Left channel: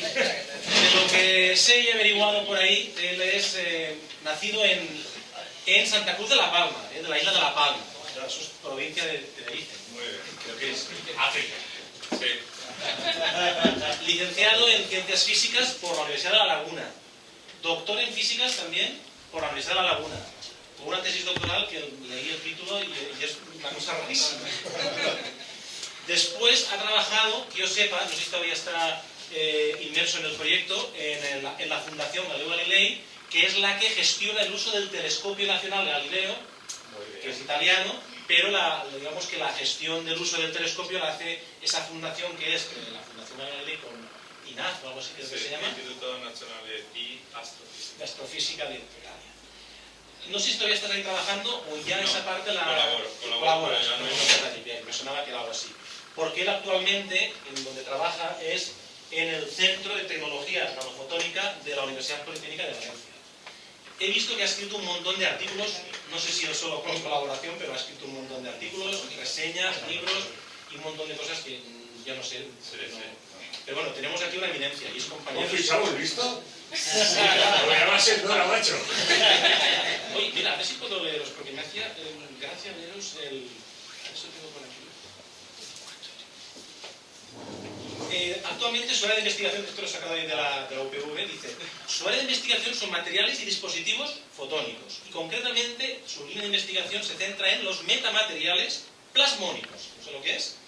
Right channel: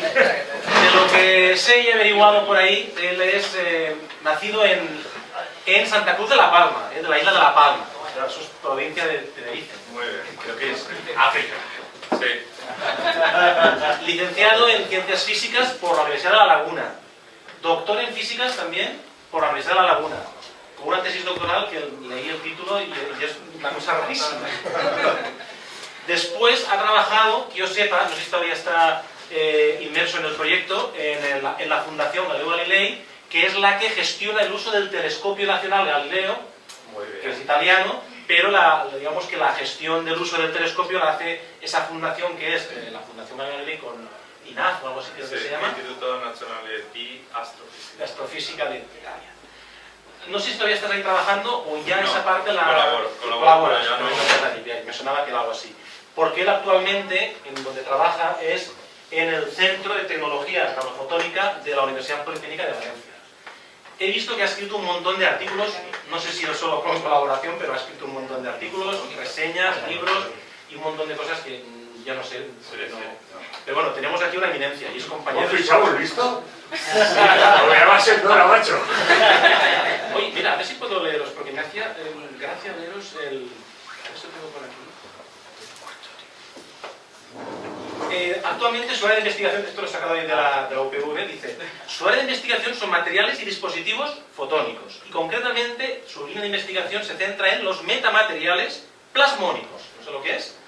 De lo que sé y he averiguado por ahí, él es nacido en Santa Cruz de la Palma, de la isla de La Palma. Eso es provincia de Tenerife. Muy bien. Creo que es África. Sí. Licenciado en Ciencias Físicas por la Universidad de La Laguna. Doctor en Físicas también por la Universidad de La Laguna. Con una tesis doctoral que leí el título y es una cosa rarísima. Después ha trabajado, que yo sepa, no sé si todavía está inmerso en el proyecto, en la Fundación Galileo Galilei, que es la que gestiona el uso del Telescopio Nacional Galileo, que es italiano, pero digamos que la gestión del uso del telescopio la hace esa fundación que es la Fundación Galileo Galilei con INAF o algo así que se llama. Instituto Nazionale di Astrofísica. De Astrofísica de Italia. No sé si todavía estás ahí trabajando o ya no, esa parte la... Colaboro, ya no. Me sonaba que era algo así. Porque él actualmente, en donde trabaja, es en el Centro de Tecnología Nanofotónica de la Universidad Politécnica de Valencia. He visto que ha escrito un montón de artículos, no sé si es solo con colaboración, pero ha escrito un montón de artículos, reseñas, libros y un montón de cosas que ya no sé. No. Pero bueno, tenemos aquí una eminencia y es compañero... ¿Has fichado el visto? Porque va a ser Dora, macho. Oye, mira, a ver si puedo leeros, porque me hacía gracia leeros el... A ver si lo tengo por aquí. Actualmente su área de investigación, esto lo he sacado ahí de la UPV, dice: su área de investigación son materiales y dispositivos fotónicos, y concretamente su línea de investigación se centra en los metamateriales plasmónicos. No sé lo que es,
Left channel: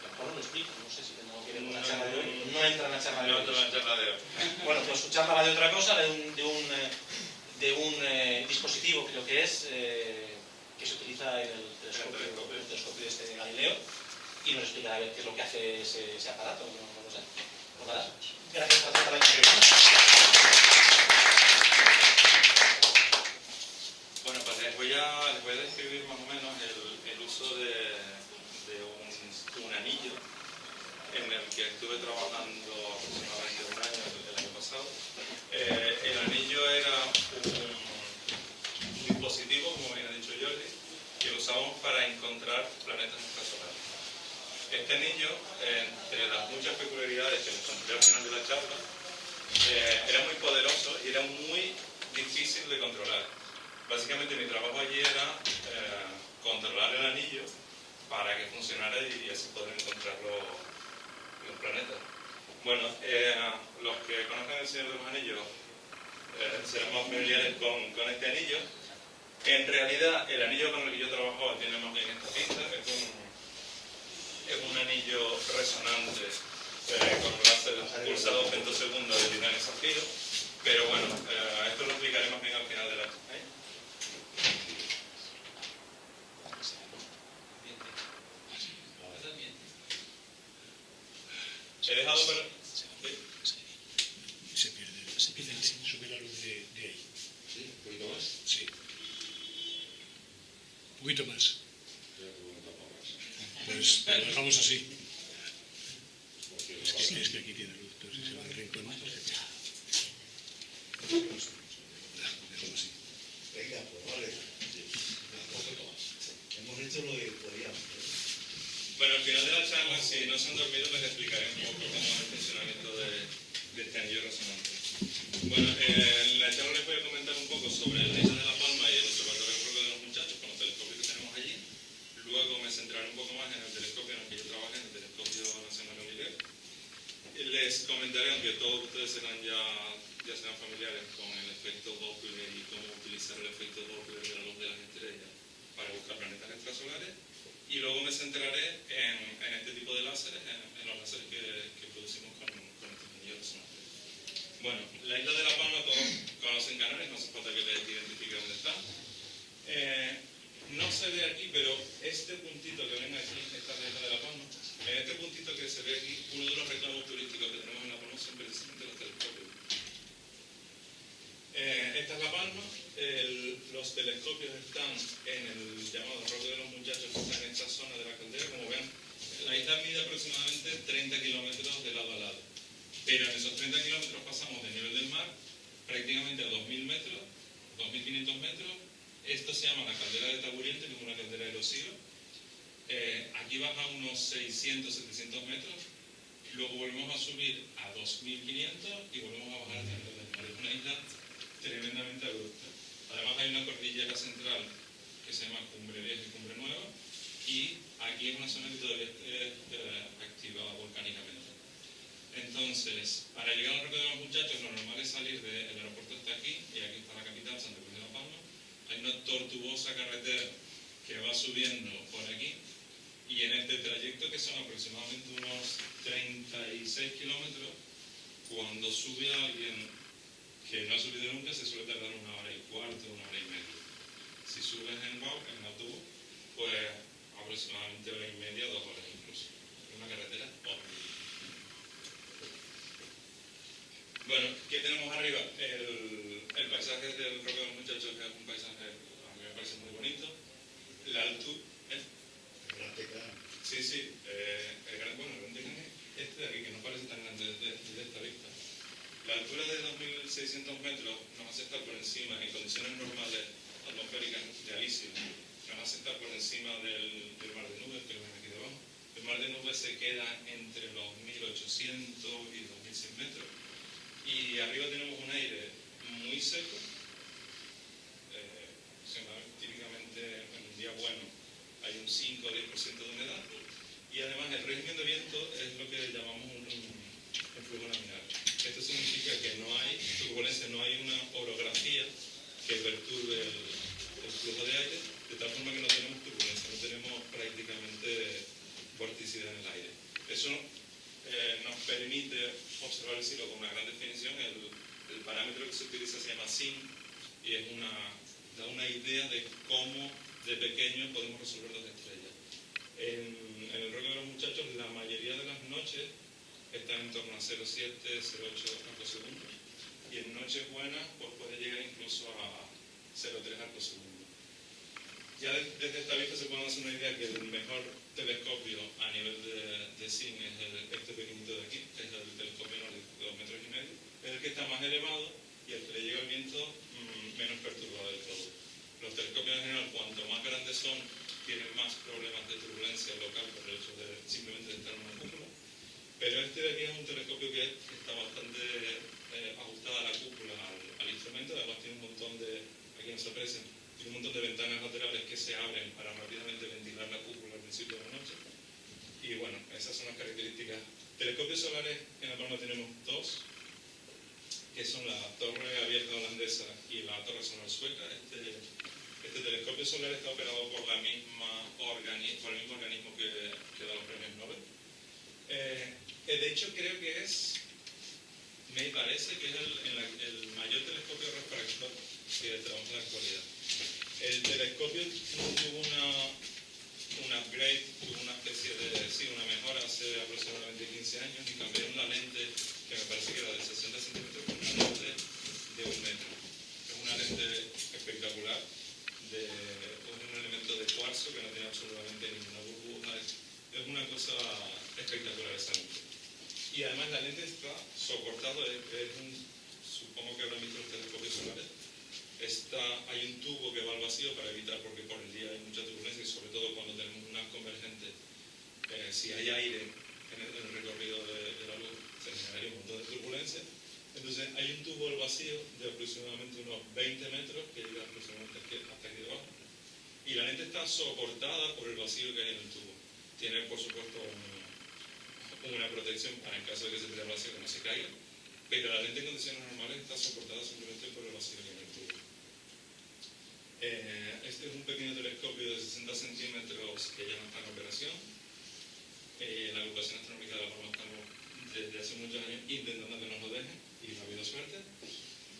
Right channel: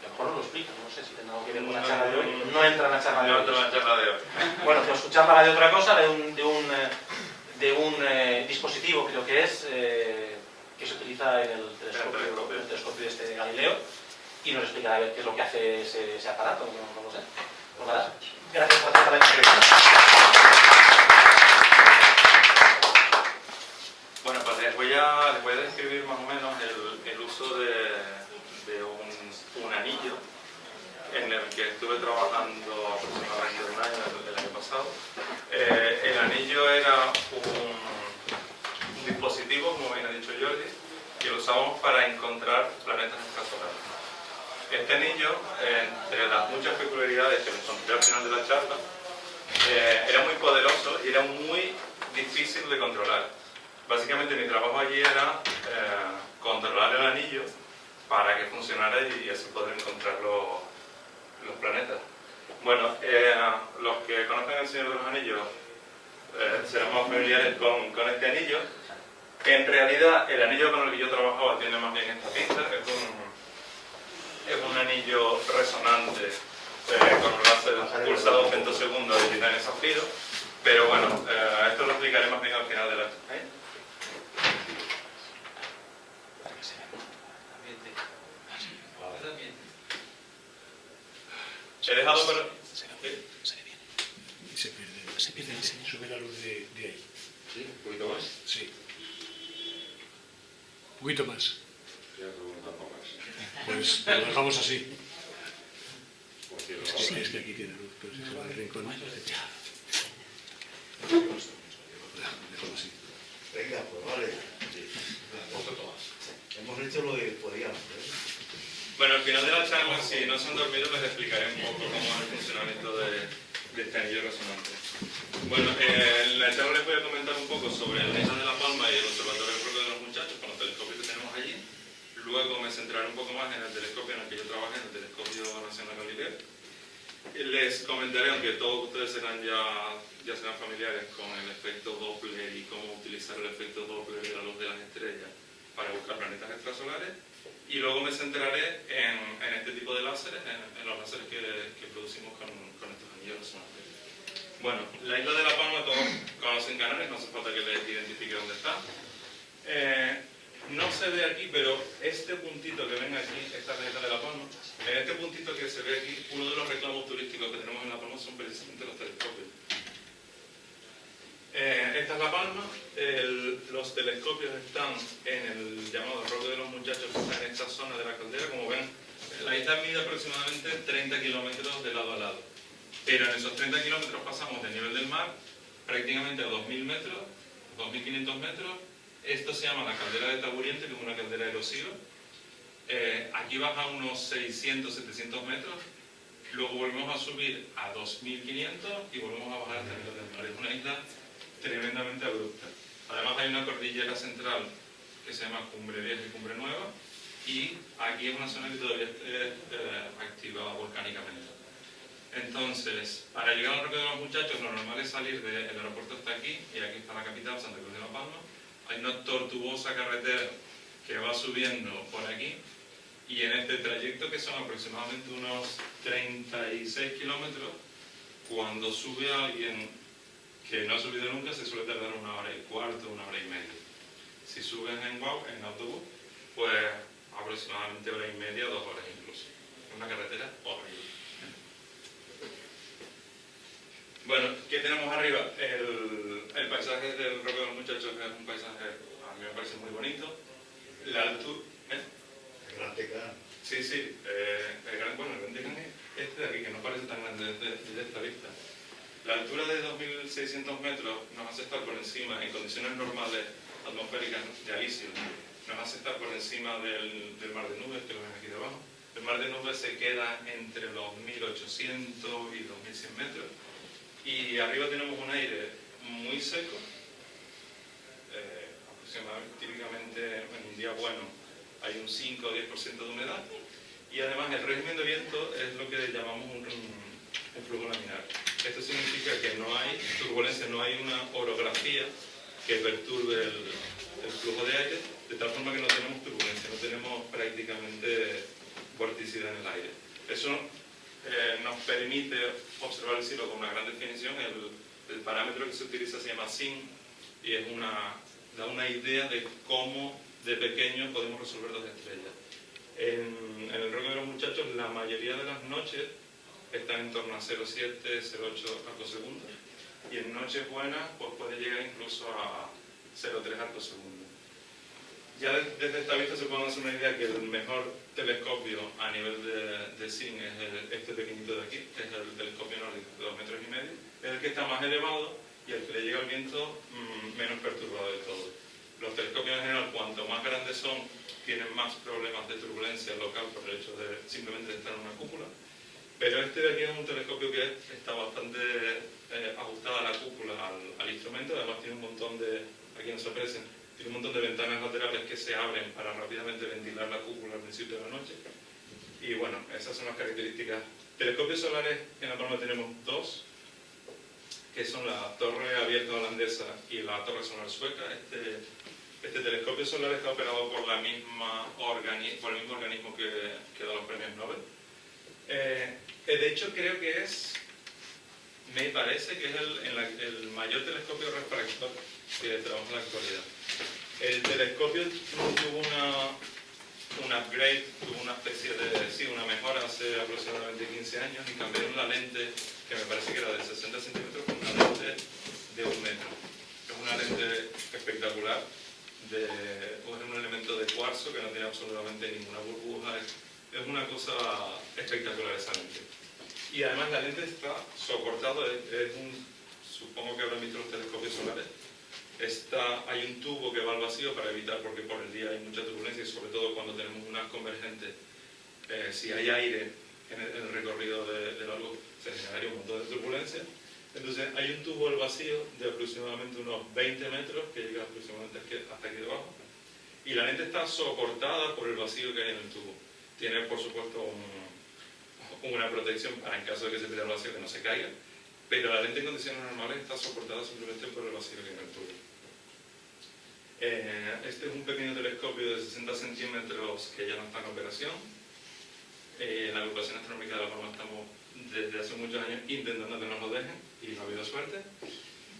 a lo mejor no lo explico, no sé si tendrá algo que ver con la charla de hoy. No entra en la charla de hoy. No entra en la charla de hoy. Bueno, pues su charla va de otra cosa, de un dispositivo, creo que es, que se utiliza en el telescopio de este Galileo. Y nos explicará a ver qué es lo que hace ese aparato, no lo sé. Pues nada, gracias por aceptar la entrevista. Bueno, pues les voy a describir más o menos el uso de un anillo en el que estuve trabajando aproximadamente un año, el año pasado. El anillo era un dispositivo, como bien ha dicho Jordi, que lo usamos para encontrar planetas extrasolares. Este anillo, entre las muchas peculiaridades que les contaré al final de la charla, era muy poderoso y era muy difícil de controlar. Básicamente mi trabajo allí era controlar el anillo para que funcionara y así poder encontrar los planetas. Bueno, los que conocen el Señor de los Anillos serán más familiares con este anillo. En realidad, el anillo con el que yo trabajaba tiene más bien esta pinta. Es un anillo resonante con un láser pulsado femtosegundo de titanio zafiro, pero bueno, esto lo explicaré más bien al final de la charla. He dejado para... Se pierde, sube la luz de ahí. ¿Sí? ¿Un poquito más? Sí. Un poquito más. Pues lo dejamos así. Es que aquí tiene luz, pero si se va al rincón. Dejamos así. Venga, pues vale. Hemos hecho lo que podíamos. Bueno, al final de la charla, si no se han dormido, les explicaré un poco cómo es el funcionamiento de este anillo resonante. Bueno, en la charla les voy a comentar un poco sobre la isla de La Palma y el Observatorio del Roque de los Muchachos, con los telescopios que tenemos allí. Luego me centraré un poco más en el telescopio en el que yo trabajé, en el Telescopio Nacional Galileo. Les comentaré, aunque todos ustedes ya serán familiares con el efecto Doppler y cómo utilizar el efecto Doppler de la luz de las estrellas para buscar planetas extrasolares. Y luego me centraré en este tipo de láseres, en los láseres que producimos con estos anillos resonantes. Bueno, la isla de La Palma todos conocen Canarias, no hace falta que les identifique dónde está. No se ve aquí, pero este puntito que ven aquí, esta isla de La Palma, en este puntito que se ve aquí, uno de los reclamos turísticos que tenemos en La Palma son precisamente los telescopios. Esta es La Palma, los telescopios están en el llamado Roque de los Muchachos, que está en esta zona de la caldera. Como ven, la isla mide aproximadamente 30 kilómetros de lado a lado, pero en esos 30 kilómetros pasamos del nivel del mar prácticamente a 2.000 metros, 2.500 metros. Esto se llama la caldera de Taburiente, que es una caldera erosiva. Aquí baja unos 600-700 metros luego volvemos a subir a 2500 y volvemos a bajar hasta el nivel del mar. Es una isla tremendamente abrupta. Además hay una cordillera central que se llama Cumbre Vieja y Cumbre Nueva, y aquí es una zona que todavía está activa volcánicamente. Entonces, para llegar al Roque de los Muchachos, lo normal es salir del aeropuerto hasta aquí, y aquí está la capital, Santa Cruz de la Palma. Hay una tortuosa carretera que va subiendo por aquí, y en este trayecto, que son aproximadamente unos 36 kilómetros, cuando sube alguien que no ha subido nunca, se suele tardar 1 hora y cuarto, 1 hora y media. Si subes en autobús, pues aproximadamente 1 hora y media, 2 horas incluso. Es una carretera horrible. Bueno, ¿qué tenemos arriba? El paisaje del Roque de los Muchachos es un paisaje, a mí me parece muy bonito. La altura... El Gran Tecán. Sí, sí. El Gran Tecán es este de aquí, que no parece tan grande desde esta vista. La altura de 2.600 metros nos hace estar por encima, en condiciones normales atmosféricas de alisio, nos hace estar por encima del mar de nubes, que lo ven aquí debajo. El mar de nubes se queda entre los 1.800 y 2.100 metros. Y arriba tenemos un aire muy seco, aproximadamente, típicamente en un día bueno hay un 5 o 10% de humedad, y además el régimen de viento es lo que llamamos un flujo laminar. Esto significa que no hay turbulencia, no hay una orografía que perturbe el flujo de aire, de tal forma que no tenemos turbulencia, no tenemos prácticamente vorticidad en el aire. Eso nos permite observar el cielo con una gran definición. El parámetro que se utiliza se llama SIN, y da una idea de cómo de pequeño podemos resolver 2 estrellas. En el Roque de los Muchachos la mayoría de las noches están en torno a 0,7, 0,8 arcos segundos, y en noches buenas pues puede llegar incluso a 0,3 arcos segundos. Ya desde esta vista se puede hacer una idea que el mejor telescopio a nivel de SIN es este pequeñito de aquí, es el telescopio nórdico de 2,5 metros, es el que está más elevado y el que le llega el viento menos perturbado del todo. Los telescopios en general, cuanto más grandes son, tienen más problemas de turbulencia local por el hecho de simplemente estar en una cúpula, pero este de aquí es un telescopio que está bastante ajustada a la cúpula, al instrumento. Además tiene un montón de, aquí no se aprecian, tiene un montón de ventanas laterales que se abren para rápidamente ventilar la cúpula al principio de la noche. Y bueno, esas son las características. Telescopios solares en La Palma tenemos 2, que son la Torre Abierta Holandesa y la Torre Solar Sueca. Este telescopio solar está operado por el mismo organismo que da los premios Nobel. De hecho, creo que me parece que es el mayor telescopio refractor que trabaja en la actualidad. El telescopio tuvo un upgrade, tuvo una especie de, una mejora hace aproximadamente 15 años, y cambiaron la lente, que me parece que era de 60 centímetros, por una lente de 1 metro. Es una lente espectacular, es un elemento de cuarzo que no tiene absolutamente ninguna burbuja, es una cosa espectacular esa lente. Y además la lente está soportada, supongo que habrán visto los telescopios solares, hay un tubo que va al vacío para evitar, porque por el día hay mucha turbulencia, y sobre todo cuando tenemos unas convergentes, si hay aire en el recorrido de la luz, se generaría un montón de turbulencia. Entonces hay un tubo al vacío de aproximadamente unos 20 metros que llega aproximadamente hasta aquí debajo, y la lente está soportada por el vacío que hay en el tubo. Tiene por supuesto una protección para en caso de que se pierda el vacío, que no se caiga, pero la lente en condiciones normales está soportada simplemente por el vacío que hay en el tubo. Este es un pequeño telescopio de 60 centímetros que ya no está en operación. En la agrupación astronómica de La Palma estamos desde hace muchos años intentando que nos lo dejen, y no ha habido suerte.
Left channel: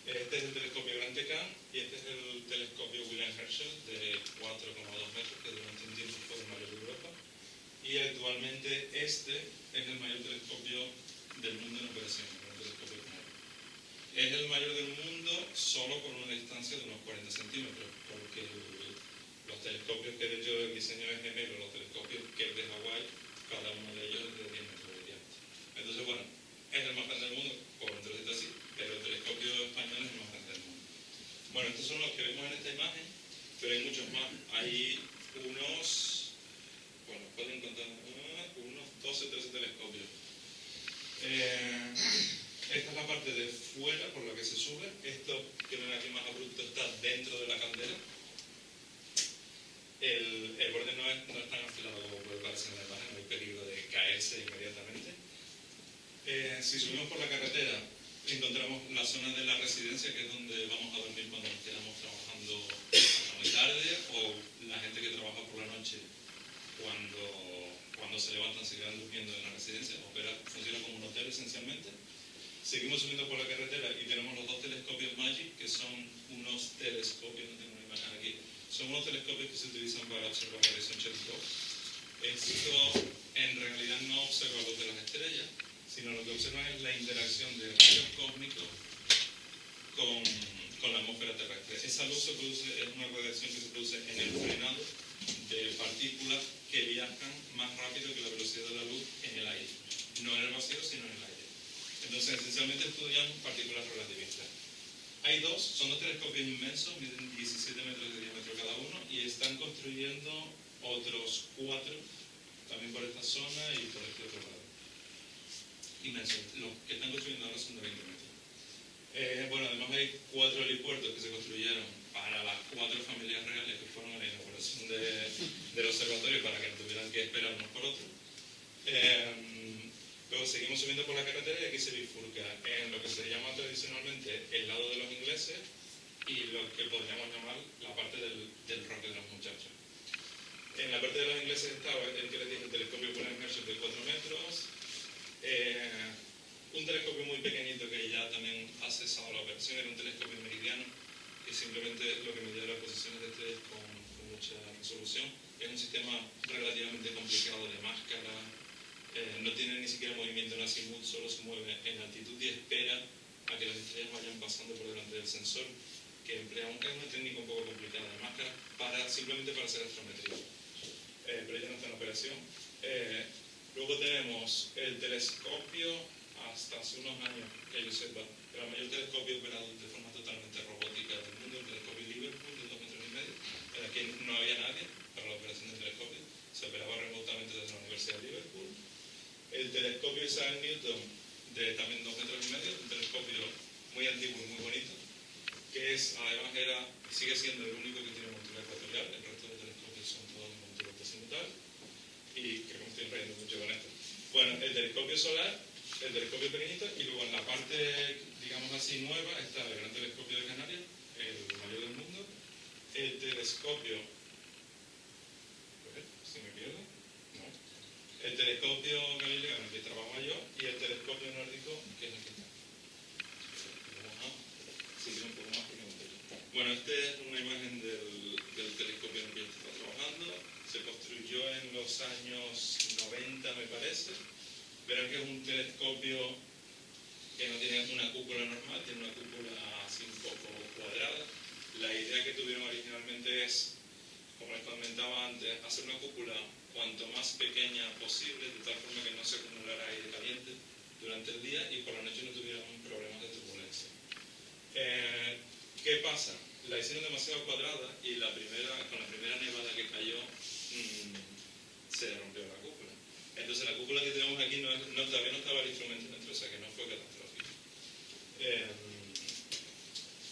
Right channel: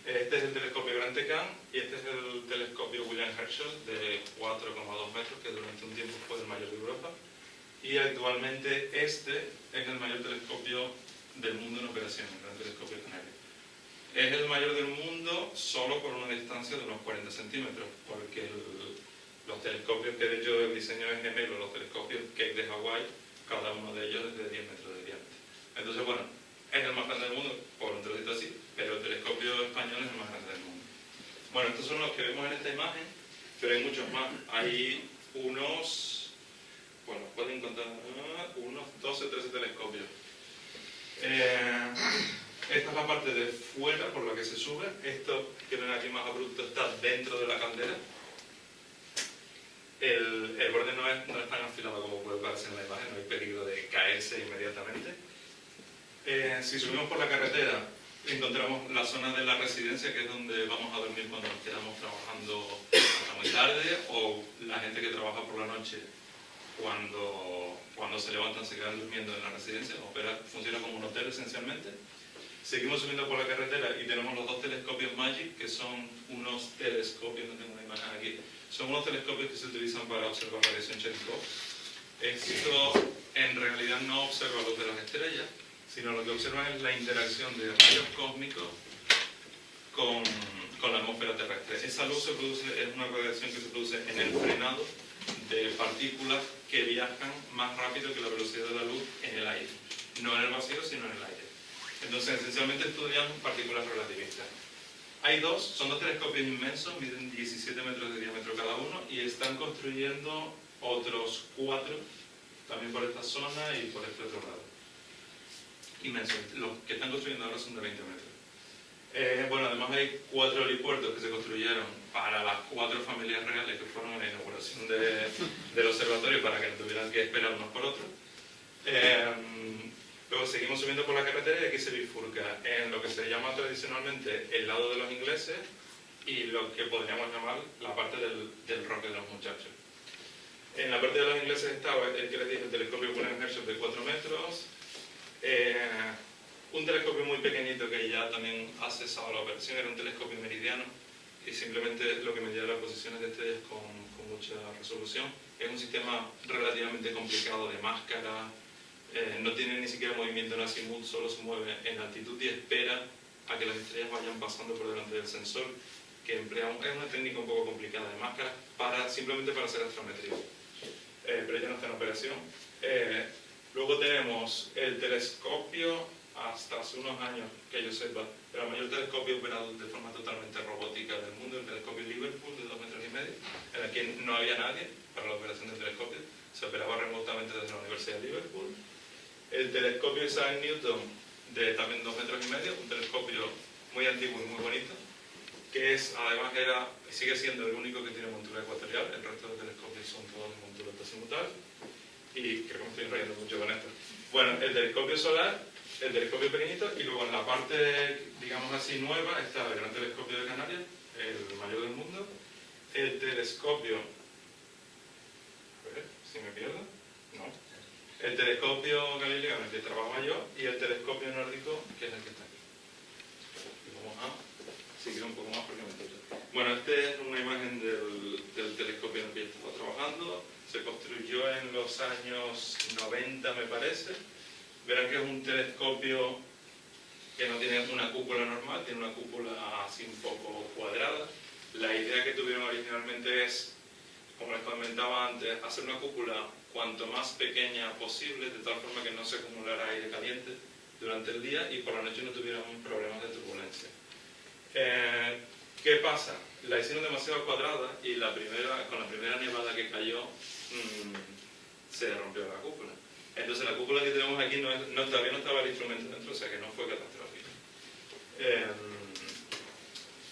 Este es el telescopio Gran Tecán, y este es el telescopio William Herschel de 4,2 metros, que durante un tiempo fue el mayor de Europa, y actualmente este es el mayor telescopio del mundo en operación, el Gran Telescopio Canario. Es el mayor del mundo solo por una distancia de unos 40 centímetros, porque los telescopios, que de hecho el diseño es gemelo, los telescopios Keck de Hawái, cada uno de ellos es de 10 metros de diámetro. Entonces, bueno, es el más grande del mundo, por un trocito así, pero el telescopio español es el más grande del mundo. Bueno, estos son los que vemos en esta imagen, pero hay muchos más. Hay unos, bueno, pueden contar, unos 12 o 13 telescopios. Esta es la parte de fuera por la que se sube. Esto que ven aquí más abrupto está dentro de la caldera. El borde no es tan afilado como puede parecer en la imagen, no hay peligro de caerse inmediatamente. Si subimos por la carretera, encontramos la zona de la residencia, que es donde vamos a dormir cuando nos quedamos trabajando hasta muy tarde, o la gente que trabaja por la noche cuando se levantan se quedan durmiendo en la residencia. Funciona como un hotel esencialmente. Seguimos subiendo por la carretera y tenemos los dos telescopios Magic, que son unos telescopios, no tengo una imagen aquí, son unos telescopios que se utilizan para observar la radiación Cherenkov. Esto en realidad no observa luz de las estrellas, sino lo que observa es la interacción de rayos cósmicos con la atmósfera terrestre. Esa luz es una radiación que se produce en el frenado de partículas que viajan más rápido que la velocidad de la luz en el aire. No en el vacío, sino en el aire. Entonces, esencialmente estudian partículas relativistas. Son dos telescopios inmensos, miden 17 metros de diámetro cada uno, y están construyendo otros 4, también por esta zona y por este otro lado. Inmensos. Los que están construyendo ahora son de 20 metros. Además hay 4 helipuertos que se construyeron para las 4 familias reales que fueron en la inauguración del observatorio, para que no tuvieran que esperar unos por otros. Luego seguimos subiendo por la carretera y aquí se bifurca en lo que se llama tradicionalmente el lado de los ingleses y lo que podríamos llamar la parte del roque de los muchachos. En la parte de los ingleses estaba el que les dije, el telescopio Cullen-Herschel de 4 metros, un telescopio muy pequeñito que ya también ha cesado la operación, era un telescopio meridiano y simplemente lo que medía las posiciones de estrellas con mucha resolución. Es un sistema relativamente complicado de máscara. No tiene ni siquiera movimiento en azimut, solo se mueve en altitud y espera a que las estrellas vayan pasando por delante del sensor, que emplea es una técnica un poco complicada de máscara simplemente para hacer astrometría. Pero ya no está en operación. Luego tenemos el telescopio, hasta hace unos años, que yo sepa, el mayor telescopio operado de forma totalmente robótica del mundo, el telescopio Liverpool de 2,5 metros, en el que no había nadie para la operación del telescopio, se operaba remotamente desde la Universidad de Liverpool. El telescopio Isaac Newton, de también 2,5 metros, un telescopio muy antiguo y muy bonito, que además sigue siendo el único que tiene montura ecuatorial, el resto de telescopios son todos de montura azimutal, y creo que me estoy riendo mucho con esto. Bueno, el telescopio solar, el telescopio pequeñito, y luego en la parte, digamos así, nueva, está el Gran Telescopio de Canarias, el mayor del mundo, el telescopio, a ver si me pierdo, no, el telescopio Galileo en el que trabajo yo, y el telescopio nórdico, que es el que está aquí. Y vamos a seguir un poco más porque me pierdo. Bueno, esta es una imagen del telescopio en el que yo estaba trabajando. Se construyó en los años 90, me parece. Verán que es un telescopio que no tiene una cúpula normal, tiene una cúpula así un poco cuadrada. La idea que tuvieron originalmente es, como les comentaba antes, hacer una cúpula cuanto más pequeña posible, de tal forma que no se acumulara aire caliente durante el día y por la noche no tuvieran problemas de turbulencia. ¿Qué pasa? La hicieron demasiado cuadrada y con la primera nevada que cayó se rompió la cúpula. Entonces la cúpula que tenemos aquí todavía no estaba el instrumento dentro, o sea que no fue catastrófico.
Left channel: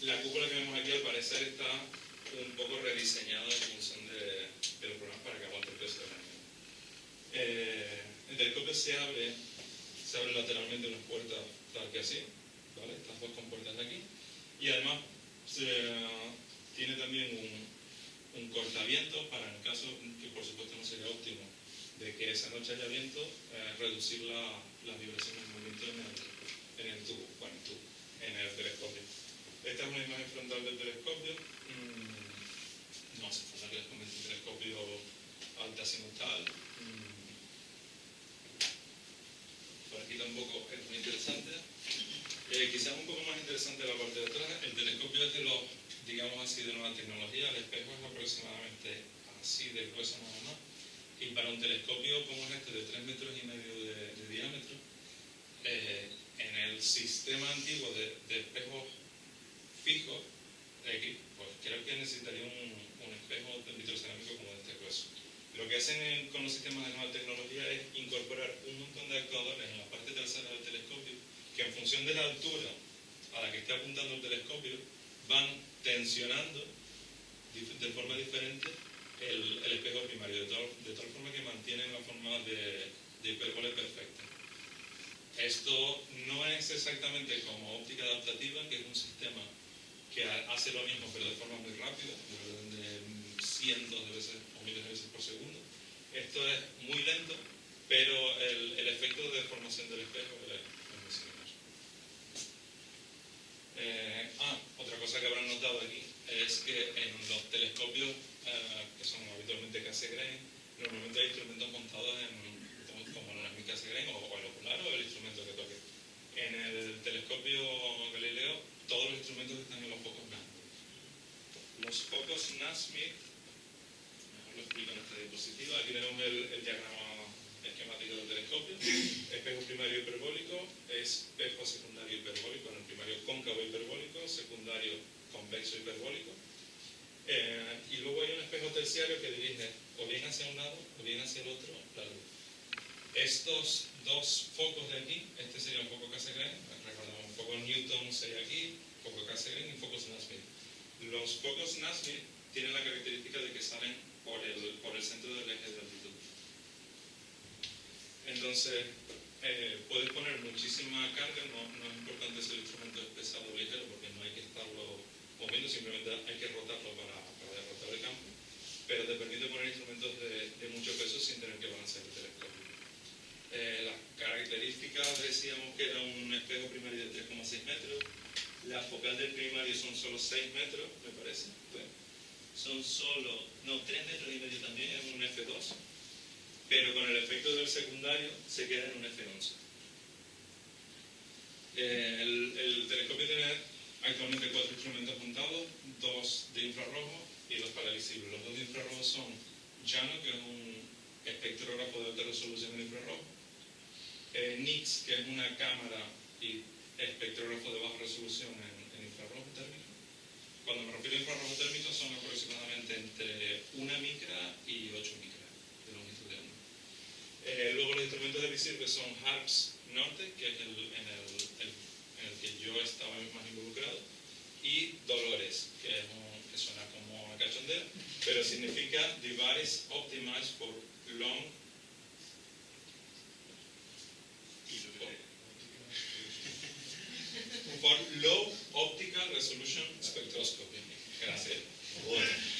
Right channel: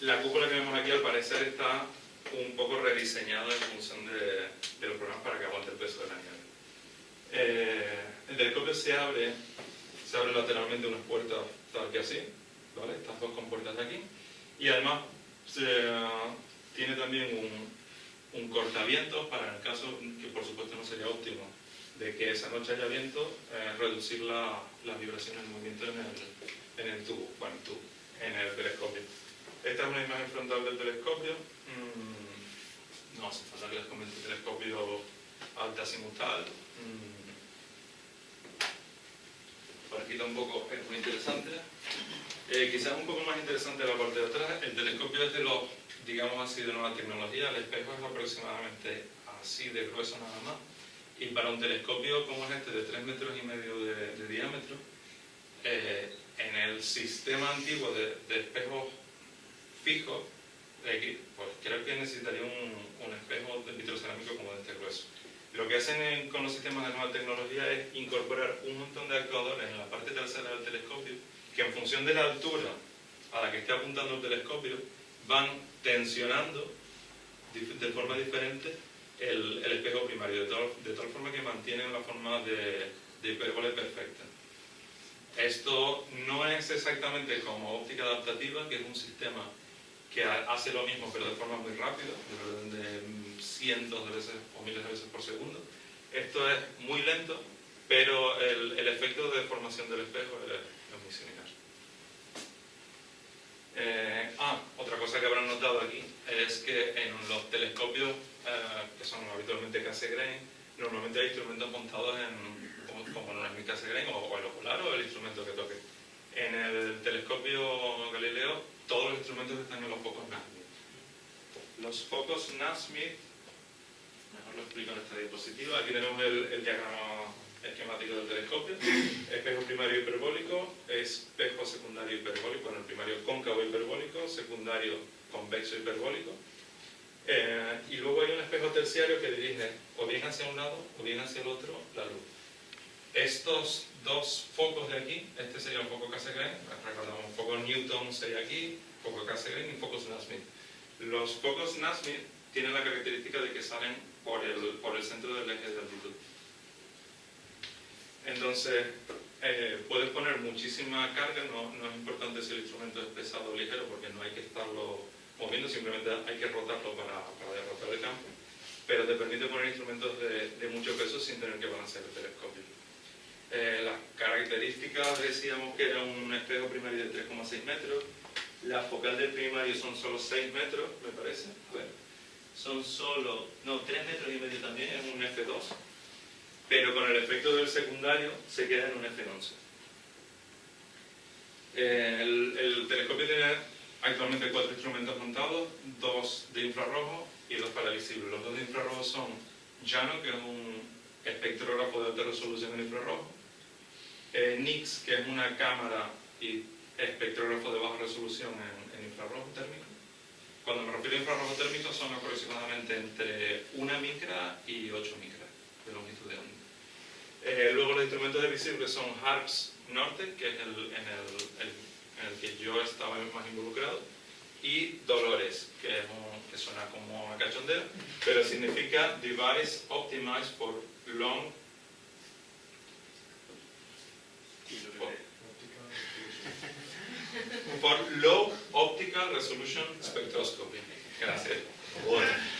La cúpula que vemos aquí al parecer está un poco rediseñada en función de los programas para que aguante el peso de la nieve. El telescopio se abre lateralmente unas puertas tal que así, ¿vale? Estas dos compuertas de aquí, y además tiene también un cortavientos para, en el caso, que por supuesto no sería óptimo, de que esa noche haya viento, reducir las vibraciones del movimiento en el telescopio. Esta es una imagen frontal del telescopio. No hace falta que les comente el telescopio alta azimutal. Por aquí tampoco es muy interesante. Quizás un poco más interesante la parte de atrás. El telescopio es de los, digamos así, de nueva tecnología. El espejo es aproximadamente así de grueso nada más. Y para un telescopio como es este, de 3,5 metros de diámetro, en el sistema antiguo de espejos fijos, pues creo que necesitaría un espejo de vitrocerámico como de este grueso. Lo que hacen con los sistemas de nueva tecnología es incorporar un montón de actuadores en la parte trasera del telescopio que en función de la altura a la que esté apuntando el telescopio van tensionando de forma diferente el espejo primario, de tal forma que mantienen la forma de hipérbole perfecta. Esto no es exactamente como óptica adaptativa, que es un sistema que hace lo mismo pero de forma muy rápida, de cientos de veces o miles de veces por segundo. Esto es muy lento, pero el efecto de deformación del espejo es muy similar. Otra cosa que habrán notado aquí es que en los telescopios que son habitualmente Cassegrain, normalmente hay instrumentos montados como en el Cassegrain o el ocular o el instrumento que toque. En el telescopio Galileo todos los instrumentos están en los focos Nasmyth. Los focos Nasmyth, mejor lo explico en esta diapositiva. Aquí tenemos el diagrama esquemático del telescopio. Espejo primario hiperbólico, espejo secundario hiperbólico, bueno, el primario cóncavo hiperbólico, secundario convexo hiperbólico. Y luego hay un espejo terciario que dirige o bien hacia un lado o bien hacia el otro la luz. Estos dos focos de aquí, este sería un foco Cassegrain, recordamos, un foco Newton sería aquí, foco Cassegrain y focos Nasmyth. Los focos Nasmyth tienen la característica de que salen por el centro del eje de altitud. Entonces, puedes poner muchísima carga, no es importante si el instrumento es pesado o ligero, porque no hay que estarlo moviendo, simplemente hay que rotarlo para derrotar el campo, pero te permite poner instrumentos de mucho peso sin tener que balancear el telescopio. Las características, decíamos que era un espejo primario de 3,6 metros, la focal del primario son solo 6 metros, me parece. Bueno, son solo, no, 3 metros y medio también, es un F2, pero con el efecto del secundario se queda en un F11. El telescopio tiene actualmente 4 instrumentos montados, 2 de infrarrojo y 2 para visible. Los 2 de infrarrojo son JANO, que es un espectrógrafo de alta resolución en infrarrojo, NICS, que es una cámara y espectrógrafo de baja resolución en infrarrojo térmico. Cuando me refiero a infrarrojo térmico son aproximadamente entre 1 micra y 8 micras de longitud de onda. Luego los instrumentos de visible son HARPS Norte, que es en el que yo estaba más involucrado, y Dolores, que suena como a cachondeo, pero significa Device Optimized for Low Optical Resolution Spectroscopy. Gracias.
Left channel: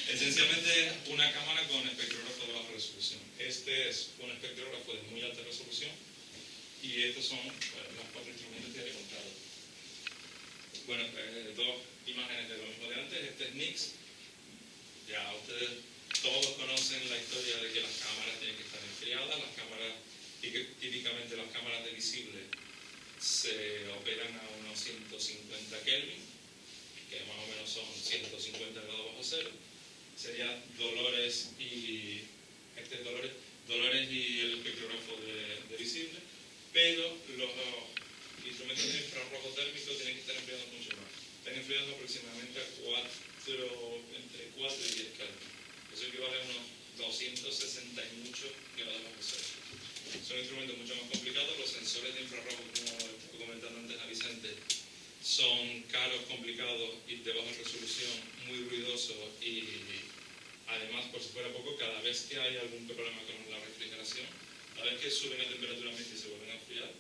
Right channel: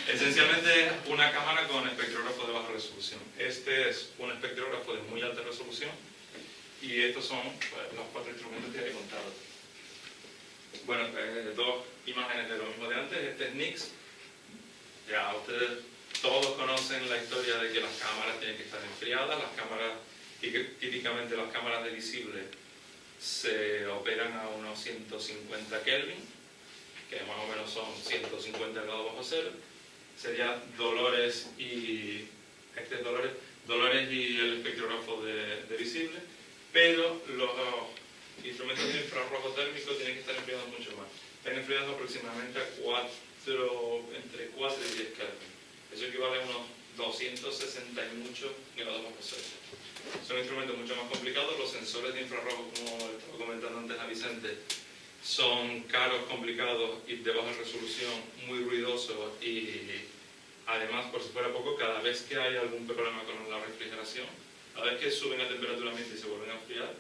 Esencialmente una cámara con espectrógrafo de baja resolución. Este es un espectrógrafo de muy alta resolución y estos son los 4 instrumentos que he contado. Bueno, 2 imágenes de lo mismo de antes. Este es NICS. Ya ustedes todos conocen la historia de que las cámaras tienen que estar enfriadas. Las cámaras, típicamente las cámaras de visible, se operan a unos 150 Kelvin, que más o menos son 150 grados bajo cero. Sería Dolores y el espectrógrafo de visible, pero los instrumentos de infrarrojo térmico tienen que estar enfriados mucho más. Están enfriados aproximadamente a entre 4 y 10 Kelvin. Eso equivale a unos 260 y muchos grados bajo cero. Son instrumentos mucho más complicados. Los sensores de infrarrojo, como estaba comentando antes a Vicente, son caros, complicados y de baja resolución, muy ruidosos y además, por si fuera poco, cada vez que hay algún problema con la refrigeración, cada vez que suben a temperatura ambiente y se vuelven a enfriar,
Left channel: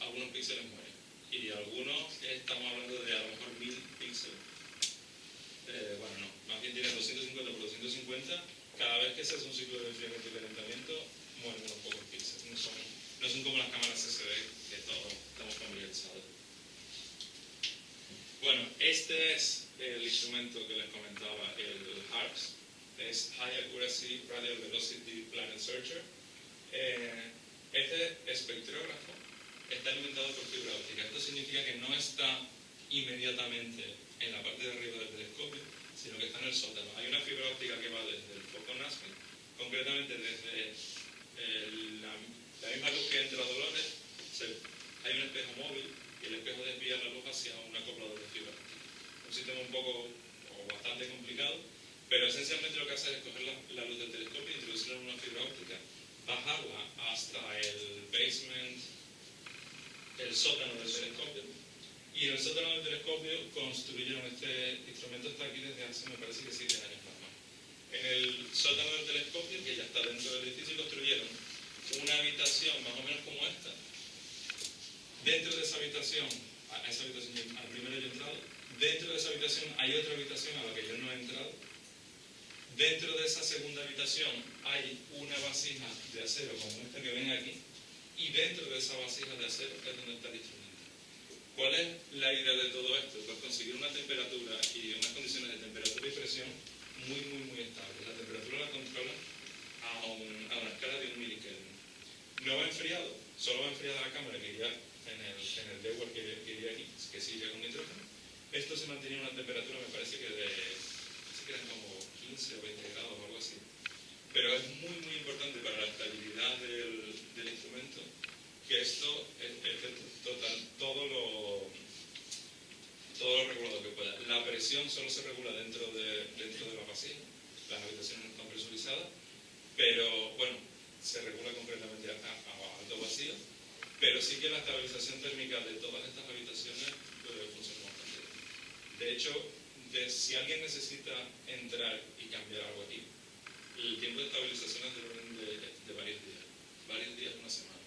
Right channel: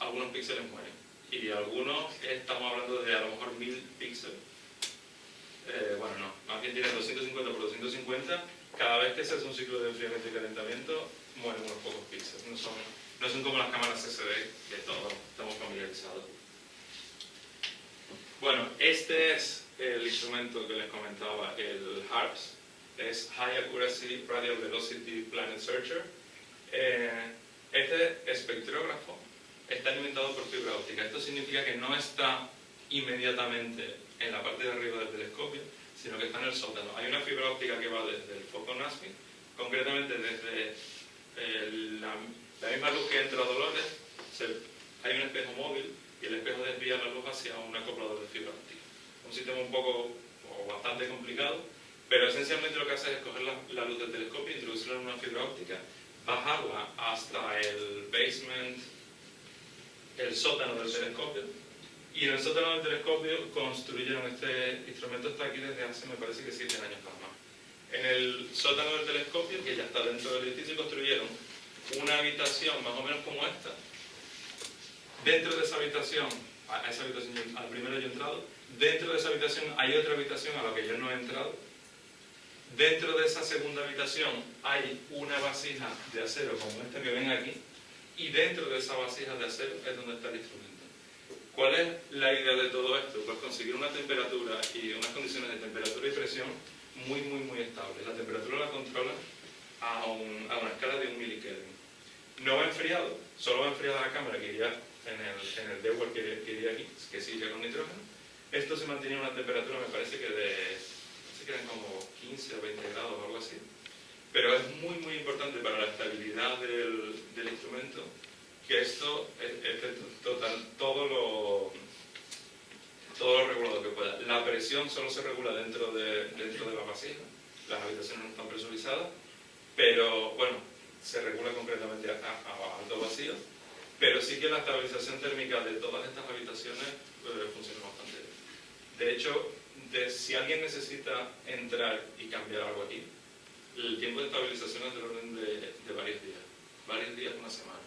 algunos píxeles mueren. Y algunos, estamos hablando de a lo mejor 1000 píxeles. Bueno, no, más bien tienen 250 por 250. Cada vez que se hace un ciclo de enfriamiento y calentamiento, mueren unos pocos píxeles. No son como las cámaras CCD, que todos estamos familiarizados. Bueno, este es el instrumento que les comentaba, el HARPS. Es High Accuracy Radial Velocity Planet Searcher. Este espectrógrafo está alimentado por fibra óptica. Esto significa que no está inmediatamente en la parte de arriba del telescopio, sino que está en el sótano. Hay una fibra óptica que va desde el foco Nasmyth, concretamente desde la misma luz que entra a Dolores, hay un espejo móvil y el espejo desvía la luz hacia un acoplador de fibra óptica. Un sistema un poco o bastante complicado, Pero esencialmente lo que hace es coger la luz del telescopio, introducirla en una fibra óptica, bajarla hasta el basement, el sótano del telescopio, y en el sótano del telescopio construyeron este instrumento. Está aquí desde hace, me parece que 7 años nada más. En el sótano del telescopio, que ya está dentro del edificio, construyeron una habitación más o menos como esta. Dentro de esa habitación, a esa habitación al primero yo he entrado, dentro de esa habitación hay otra habitación a la que yo no he entrado. Dentro de esa segunda habitación hay una vasija de acero como esta que ven aquí, y dentro de esa vasija de acero es donde está el instrumento. ¿Cuál es la idea de todo esto? Pues conseguir una temperatura y unas condiciones de temperatura y presión muy estables. La temperatura la controlan a una escala de 1 milikelvin. No va enfriado, solo va enfriada la cámara que iría en el dewar que iría aquí, que sí iría con nitrógeno. Esto se mantenía a una temperatura, me parece que eran como 15 o 20 grados o algo así. Pero es muy importante para la estabilidad del instrumento que esto esté todo lo regulado que pueda. La presión solo se regula dentro de la vasija, las habitaciones no están presurizadas, pero bueno, se regula concretamente a alto vacío, pero sí que la estabilización térmica de todas estas habitaciones funciona bastante bien. De hecho, si alguien necesita entrar y cambiar algo aquí, el tiempo de estabilización es del orden de varios días, una semana,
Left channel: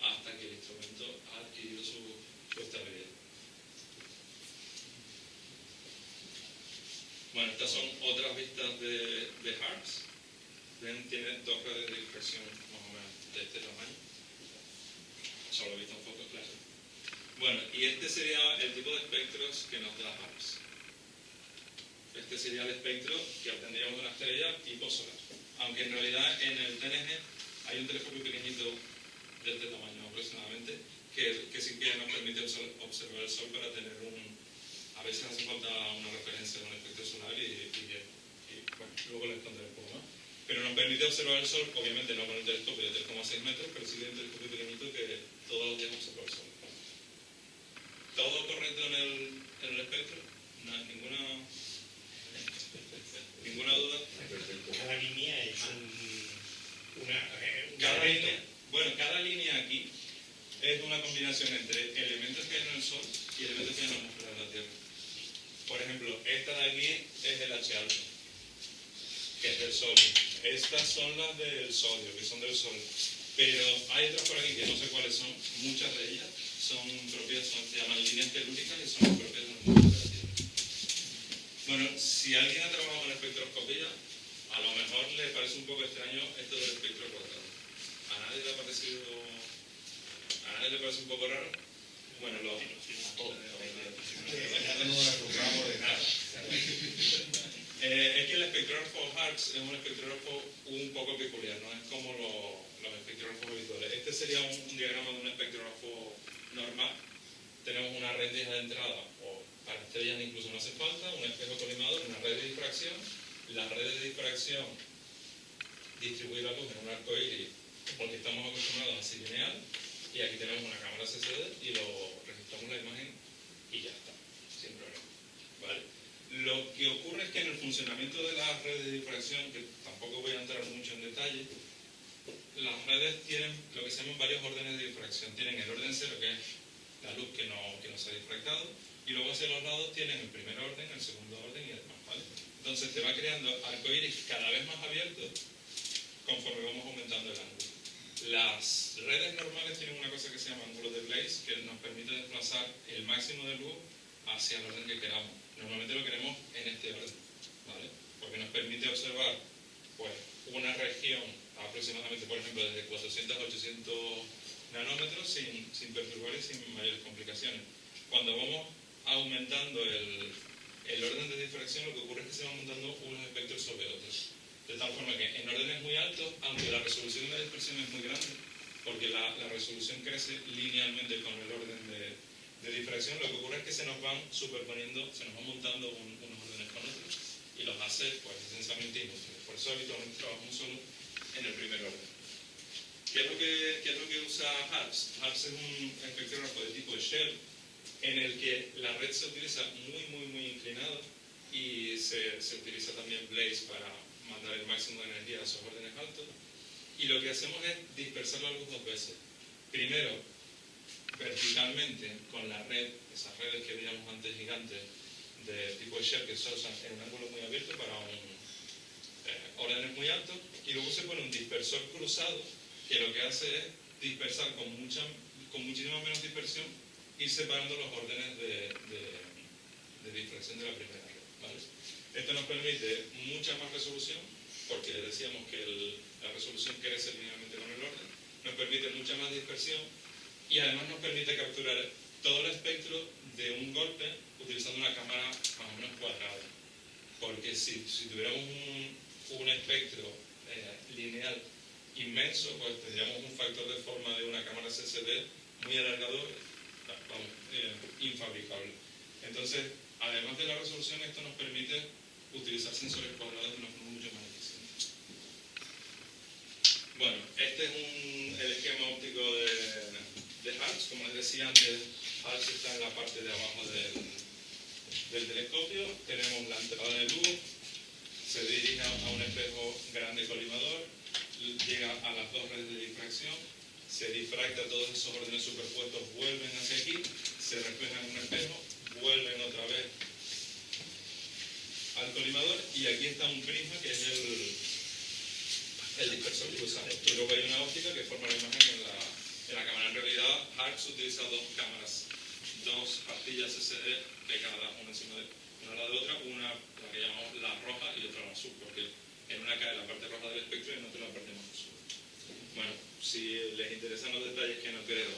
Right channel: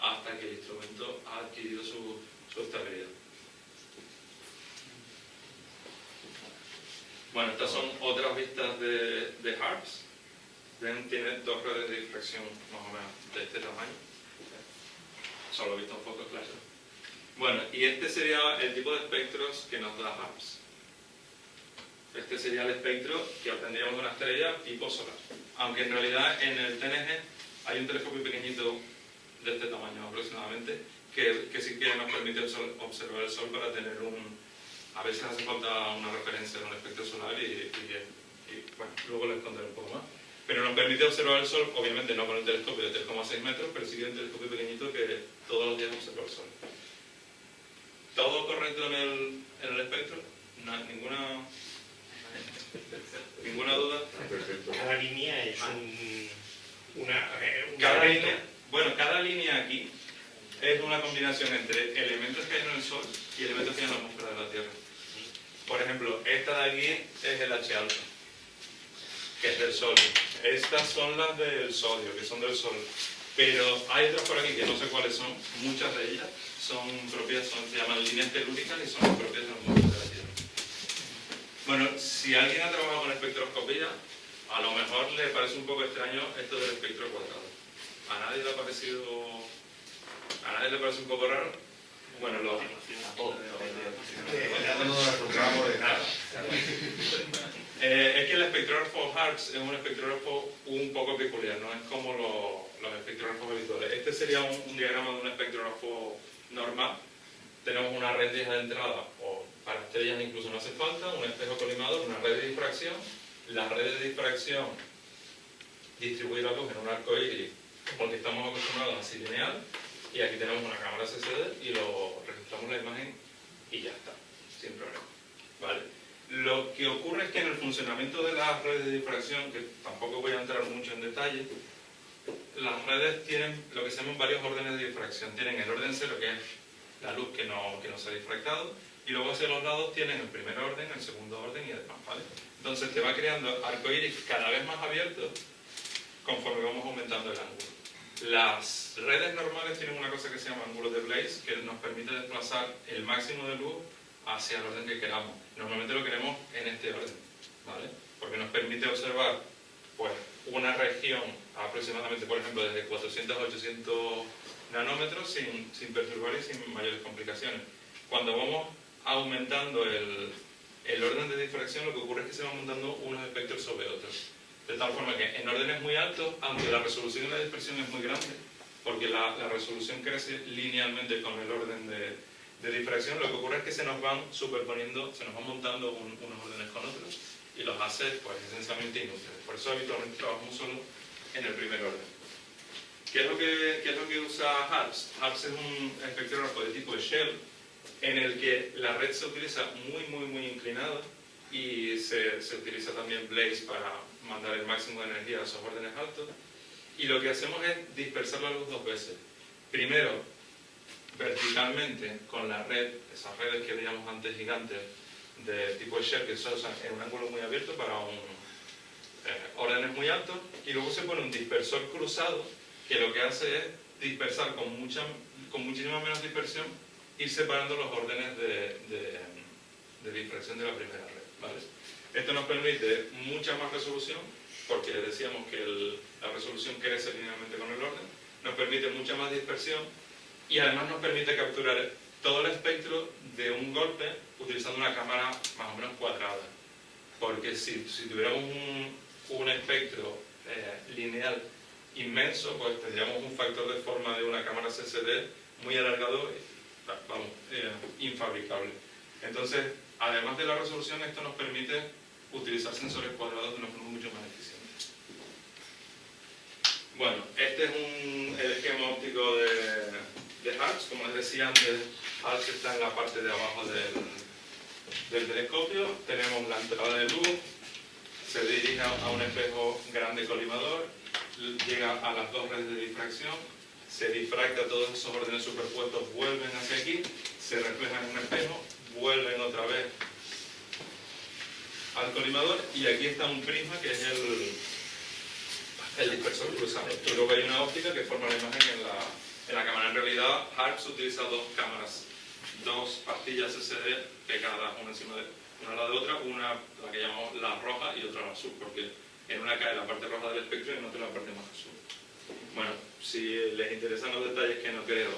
hasta que el instrumento ha adquirido su estabilidad. Bueno, estas son otras vistas de HARPS. Ven, tiene 2 redes de difracción más o menos de este tamaño. Solo he visto en fotos, claro. Bueno, y este sería el tipo de espectros que nos da HARPS. Este sería el espectro que obtendríamos de una estrella tipo solar. Aunque en realidad en el TNG hay un telescopio pequeñito de este tamaño aproximadamente que sí que nos permite observar el Sol para tener a veces hace falta una referencia de un espectro solar y bueno, luego les contaré un poco más. Pero nos permite observar el Sol, obviamente no con el telescopio de 3,6 metros, pero sí que un telescopio pequeñito que todos los días observa el Sol. ¿Todo correcto en el espectro? No, ¿Ninguna duda? Cada línea es cada línea aquí es una combinación entre elementos que hay en el Sol y elementos que hay en la atmósfera de la Tierra. Por ejemplo, esta de aquí es el H alfa, que es del Sol. Estas son las del sodio, que son del Sol. Pero hay otras por aquí que no sé cuáles son. Muchas de ellas son propias, se llaman líneas telúricas y son propias de la atmósfera de la Tierra. Bueno, si alguien ha trabajado con espectroscopía, a lo mejor le parece un poco extraño esto del espectro cuadrado. ¿A nadie le parece un poco raro? Bueno, a todos. Es que el espectrógrafo HARPS es un espectrógrafo un poco peculiar, no es como los espectrógrafos habituales. Este sería un diagrama de un espectrógrafo normal. Tenemos una rendija de entrada, o para estrellas incluso no hace falta, un espejo colimador, una red de difracción. La red de difracción distribuye la luz en un arco iris, porque estamos acostumbrados así lineal, y aquí tenemos una cámara CCD y lo registramos la imagen y ya está, sin problema. ¿Vale? Lo que ocurre es que en el funcionamiento de las redes de difracción, que tampoco voy a entrar mucho en detalle, las redes tienen lo que se llaman varios órdenes de difracción. Tienen el orden cero, que es la luz que no se ha difractado, y luego hacia los lados tienen el primer orden, el segundo orden y demás, ¿vale? Entonces te va creando arcoíris cada vez más abiertos conforme vamos aumentando el ángulo. Las redes normales tienen una cosa que se llama ángulo de Blaise, que nos permite desplazar el máximo de luz hacia el orden que queramos. Normalmente lo queremos en este orden, ¿vale? Porque nos permite observar pues, una región aproximadamente, por ejemplo, desde 400 a 800 nanómetros sin perturbar y sin mayores complicaciones. Cuando vamos aumentando el orden de difracción, lo que ocurre es que se van montando unos espectros sobre otros. De tal forma que en órdenes muy altos, aunque la resolución y la dispersión es muy grande, porque la resolución crece linealmente con el orden de difracción, lo que ocurre es que se nos van superponiendo, se nos van montando unos órdenes con otros y los hace pues, esencialmente inútiles. Por eso habitualmente trabajamos solo en el primer orden. ¿Qué es lo que usa HARPS? HARPS es un espectrógrafo de tipo Shell en el que la red se utiliza muy inclinada y se utiliza también Blaze para mandar el máximo de energía a esos órdenes altos. Y lo que hacemos es dispersar la luz dos veces. Primero, verticalmente con la red, esas redes que veíamos antes gigantes de tipo Share que se usan en un ángulo muy abierto para órdenes muy altos, y luego se pone un dispersor cruzado que lo que hace es dispersar con muchísima menos dispersión, ir separando los órdenes de difracción de la primera red, ¿vale? Esto nos permite mucha más resolución, porque decíamos que la resolución crece linealmente con el orden, nos permite mucha más dispersión y además nos permite capturar todo el espectro de un golpe utilizando una cámara más o menos cuadrada. Porque si tuviéramos un espectro lineal inmenso, pues tendríamos un factor de forma de una cámara CCD muy alargado, infabricable. Entonces, además de la resolución, esto nos permite utilizar sensores cuadrados de una forma mucho más eficiente. Bueno, este es el esquema óptico de Harps. Como les decía antes, Harps está en la parte de abajo del telescopio. Tenemos la entrada de luz, se dirige a un espejo grande colimador, llega a las dos redes de difracción, se difracta todos esos órdenes superpuestos, vuelven hacia aquí, se reflejan en un espejo, vuelven otra vez al colimador, y aquí está un prisma que es el dispersor cruzado. Y luego hay una óptica que forma la imagen en la cámara. En realidad, Harps utiliza dos cámaras, dos pastillas SSD que cada una encima de una a la de otra, una la que llamamos la roja y otra la azul, porque en una cae la parte roja del espectro y en otra la parte más azul. Bueno, si les interesan los detalles, que no creo,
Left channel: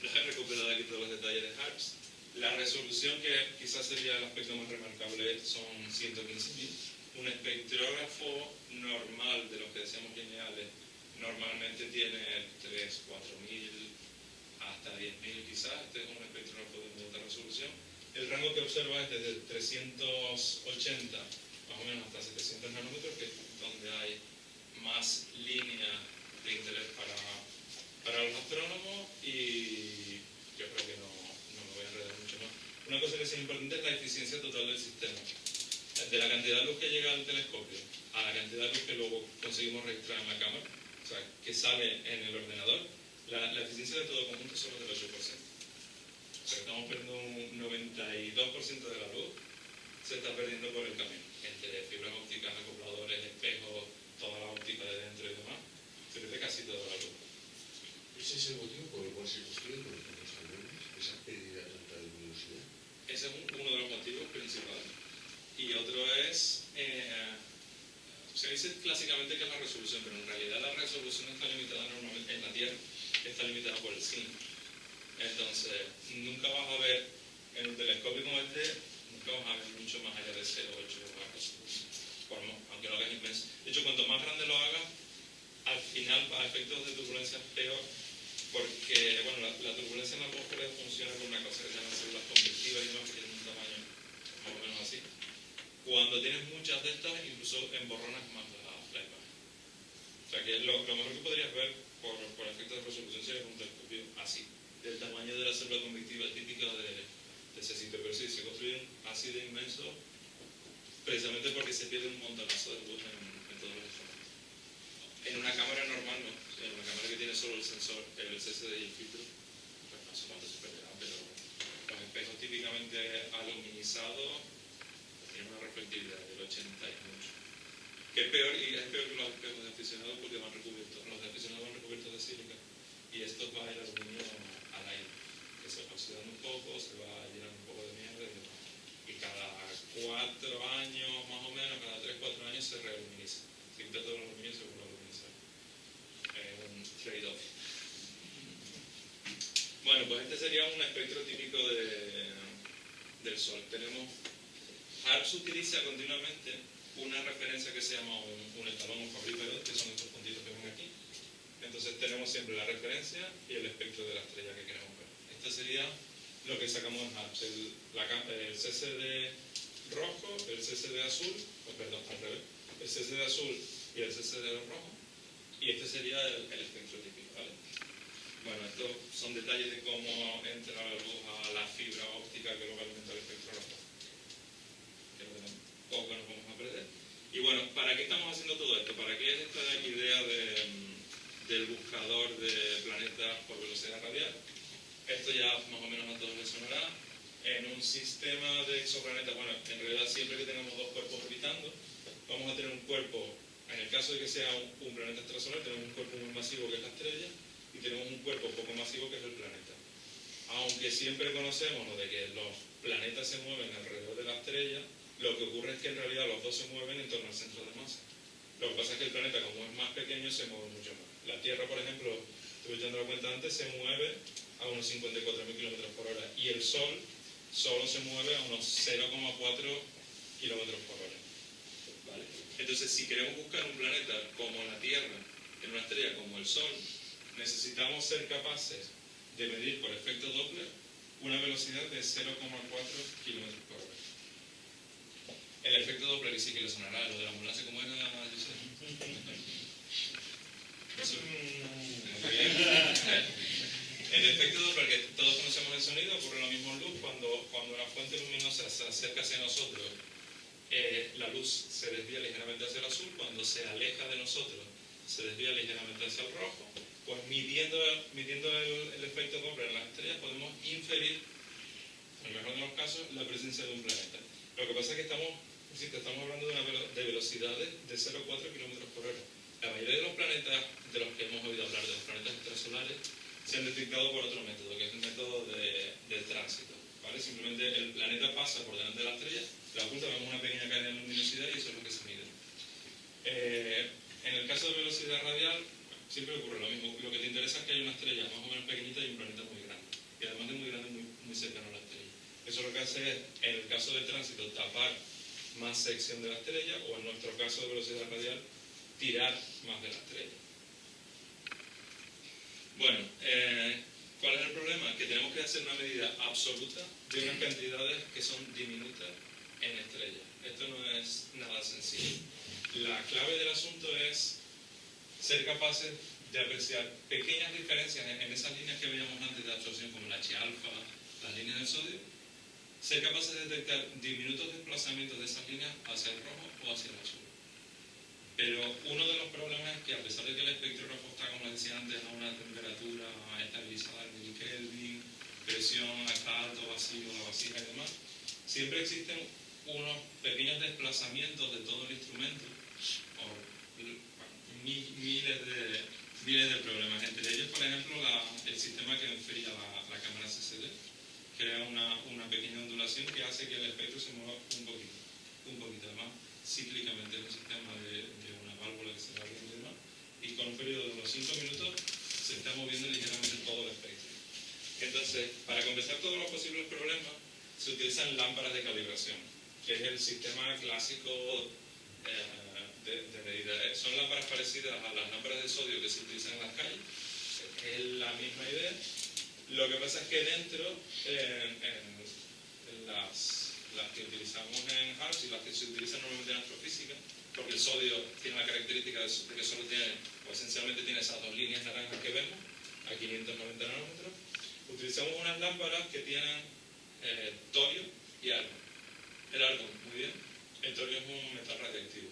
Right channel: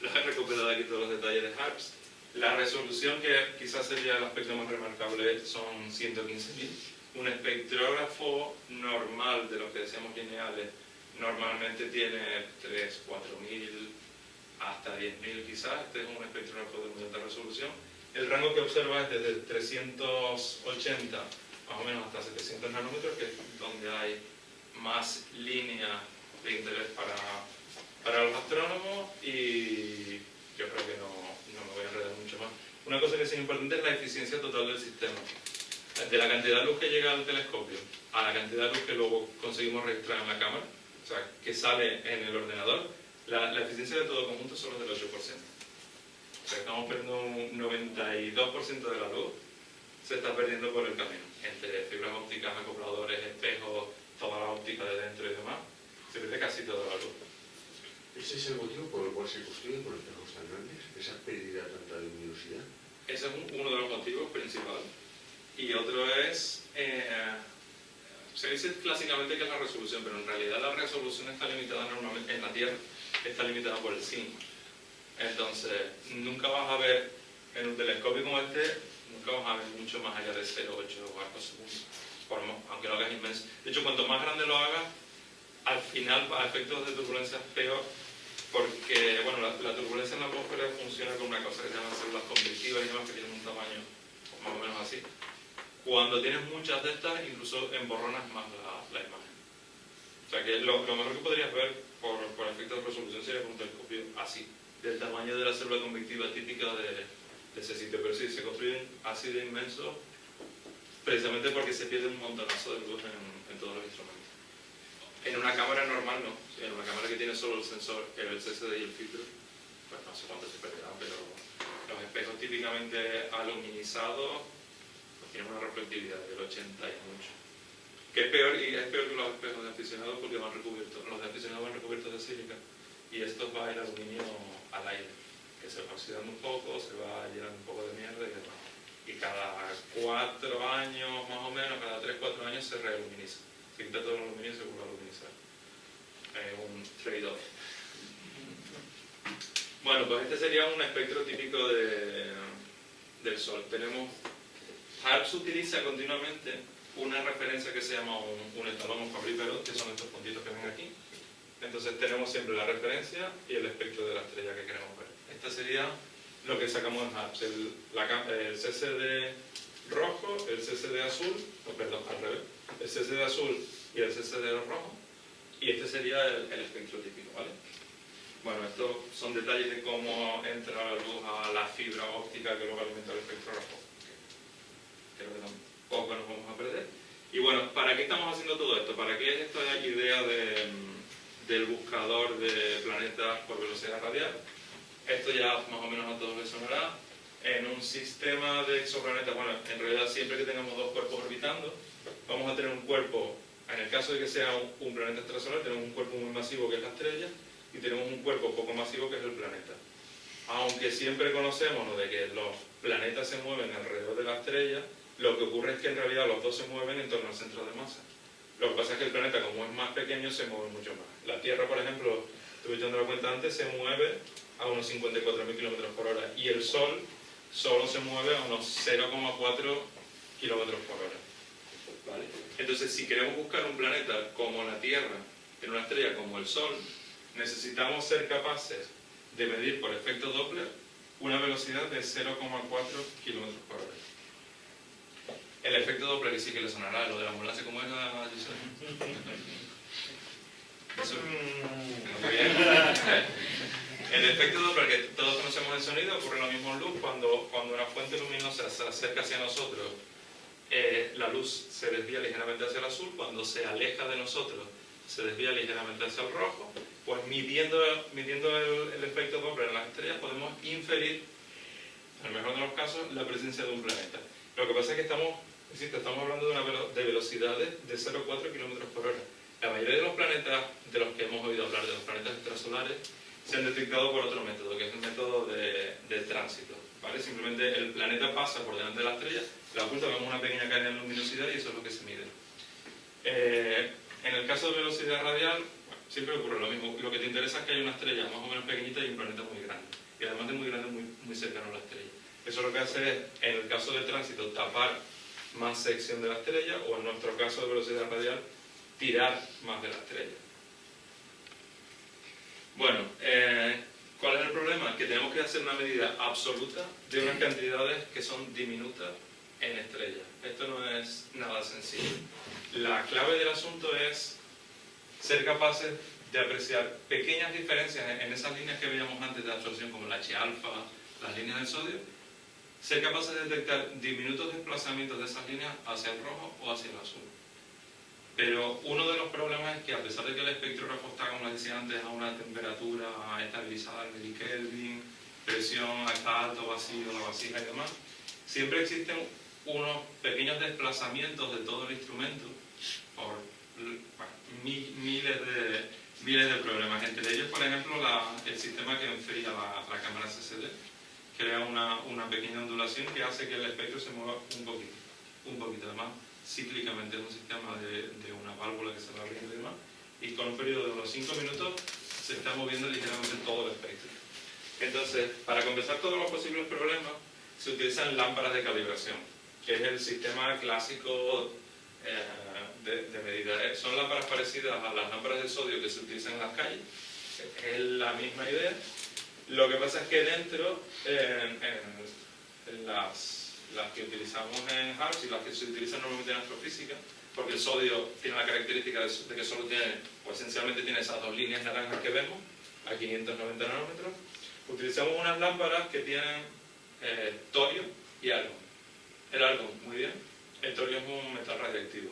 los he recuperado aquí todos los detalles de Harps. La resolución, que quizás sería el aspecto más remarcable, son 115.000. Un espectrógrafo normal, de los que decíamos lineales, normalmente tiene 3.000, 4.000, hasta 10.000 quizás. Este es un espectrógrafo de muy alta resolución. El rango que observa es desde 380 más o menos hasta 700 nanómetros, que es donde hay más línea de interés para los astrónomos, y yo creo que no me voy a enredar mucho más. Una cosa que es importante es la eficiencia total del sistema. De la cantidad de luz que llega al telescopio a la cantidad de luz que luego conseguimos registrar en la cámara, o sea, que sale en el ordenador, la eficiencia de todo conjunto es solo del 8%. O sea, estamos perdiendo un 92% de la luz, se está perdiendo por el camino, entre fibras ópticas, acopladores, espejos, toda la óptica de dentro y demás, se pierde casi toda la luz. ¿Ese es el motivo por el cual se construyen con espejos tan grandes? ¿Esa pérdida de tanta luminosidad? Ese es uno de los motivos principales. Y otro es, se dice clásicamente que es la resolución, pero en realidad la resolución está limitada normalmente en la Tierra, está limitada por el cine. Entonces, nunca vas a ver en un telescopio como este, nunca vas a ver mucho más allá de 0,8 arcos segundos, aunque lo hagas inmenso. De hecho, cuanto más grande lo hagas, al final, a efectos de turbulencia, es peor, porque bueno, la turbulencia en la atmósfera funciona con una cosa que se llaman células convectivas y demás, que tienen un tamaño más o menos así. Cuando tienes muchas de estas, incluso emborronas más la imagen. O sea que lo mejor que podrías ver por efectos de resolución sería con un telescopio así, del tamaño de la célula convectiva típica de ese sitio. Pero sí, se construyen así de inmensos precisamente porque se pierde un montonazo de luz en todos los instrumentos. En una cámara normal no. En una cámara que tiene solo el sensor, el CCD y el filtro, pues no sé cuánto se perderá, pero los espejos típicamente aluminizados pues tienen una reflectividad del 80 y mucho. Que es peor, y es peor que los espejos de aficionados, porque van recubiertos, los de aficionados van recubiertos de sílica, y estos va el aluminio al aire, que se va oxidando un poco, se va llenando un poco de mierda y demás. Y cada 4 años más o menos, cada 3-4 años se realuminiza. Se quita todo el aluminio y se vuelve a aluminizar. Es un trade-off. Bueno, pues este sería un espectro típico del Sol. Harps utiliza continuamente una referencia que se llama un estalón o Fabry-Perot, que son estos puntitos que ven aquí. Entonces tenemos siempre la referencia y el espectro de la estrella que queremos ver. Este sería lo que sacamos en Harps, el CCD rojo, el CCD azul, perdón, al revés, el CCD azul y el CCD rojo, y este sería el espectro típico, ¿vale? Bueno, estos son detalles de cómo entra la luz a la fibra óptica que luego alimenta el espectro rojo. creo que tampoco nos vamos a perder. Y bueno, ¿para qué estamos haciendo todo esto? ¿Para qué es esta idea del buscador de planetas por velocidad radial? Esto ya más o menos a todos les sonará. En un sistema de exoplanetas, bueno, en realidad siempre que tengamos dos cuerpos orbitando, vamos a tener un cuerpo, en el caso de que sea un planeta extrasolar, tenemos un cuerpo muy masivo que es la estrella y tenemos un cuerpo poco masivo que es el planeta. Aunque siempre conocemos lo de que los planetas se mueven alrededor de la estrella, lo que ocurre es que en realidad los dos se mueven en torno al centro de masa. Lo que pasa es que el planeta, como es más pequeño, se mueve mucho más. La Tierra, por ejemplo, estuve echando la cuenta antes, se mueve a unos 54.000 km por hora y el Sol solo se mueve a unos 0,4 km por hora. ¿Vale? Entonces, si queremos buscar un planeta como la Tierra, en una estrella como el Sol, necesitamos ser capaces de medir por efecto Doppler una velocidad de 0,4 km por hora. El efecto Doppler, que sí que le sonará, lo de la ambulancia, ¿cómo era, Giselle? Eso. Muy bien. El efecto Doppler, que todos conocemos el sonido, ocurre lo mismo en luz. Cuando una fuente luminosa se acerca hacia nosotros, la luz se desvía ligeramente hacia el azul. Cuando se aleja de nosotros, se desvía ligeramente hacia el rojo. Pues midiendo el efecto Doppler en las estrellas, podemos inferir, en el mejor de los casos, la presencia de un planeta. Lo que pasa es que estamos hablando de velocidades de 0,4 km por hora. La mayoría de los planetas de los que hemos oído hablar, de los planetas extrasolares, se han detectado por otro método, que es el método de tránsito. ¿Vale? Simplemente el planeta pasa por delante de la estrella, la oculta, vemos una pequeña cadena de luminosidad y eso es lo que se mide. En el caso de velocidad radial, bueno, siempre ocurre lo mismo. Lo que te interesa es que haya una estrella más o menos pequeñita y un planeta muy grande. Y además de muy grande, muy cercano a la estrella. Eso lo que hace es, en el caso de tránsito, tapar más sección de la estrella, o en nuestro caso de velocidad radial, tirar más de la estrella. Bueno, ¿cuál es el problema? Que tenemos que hacer una medida absoluta de unas cantidades que son diminutas en estrellas. Esto no es nada sencillo. La clave del asunto es ser capaces de apreciar pequeñas diferencias en esas líneas que veíamos antes de absorción, como la H-alfa, las líneas del sodio, ser capaces de detectar diminutos desplazamientos de esas líneas hacia el rojo o hacia el azul. Pero uno de los problemas es que, a pesar de que el espectrógrafo está, como les decía antes, a una temperatura estabilizada en milikelvin, presión está alto, vacío, la vasija y demás, siempre existen unos pequeños desplazamientos de todo el instrumento por miles de problemas. Entre ellos, por ejemplo, el sistema que enfría la cámara CCD crea una pequeña ondulación que hace que el espectro se mueva un poquito. Además, cíclicamente es un sistema de una válvula que se va abriendo y demás, y con un periodo de unos 5 minutos se está moviendo ligeramente todo el espectro. Entonces, para compensar todos los posibles problemas, se utilizan lámparas de calibración, que es el sistema clásico de medida. Son lámparas parecidas a las lámparas de sodio que se utilizan en las calles, es la misma idea. Lo que pasa es que dentro, en las que utilizamos en HARPS y las que se utilizan normalmente en astrofísica, porque el sodio tiene la característica de que solo tiene, o esencialmente tiene esas dos líneas naranjas que vemos, a 590 nanómetros, utilizamos unas lámparas que tienen torio y argón. El argón, muy bien. El torio es un metal radiactivo.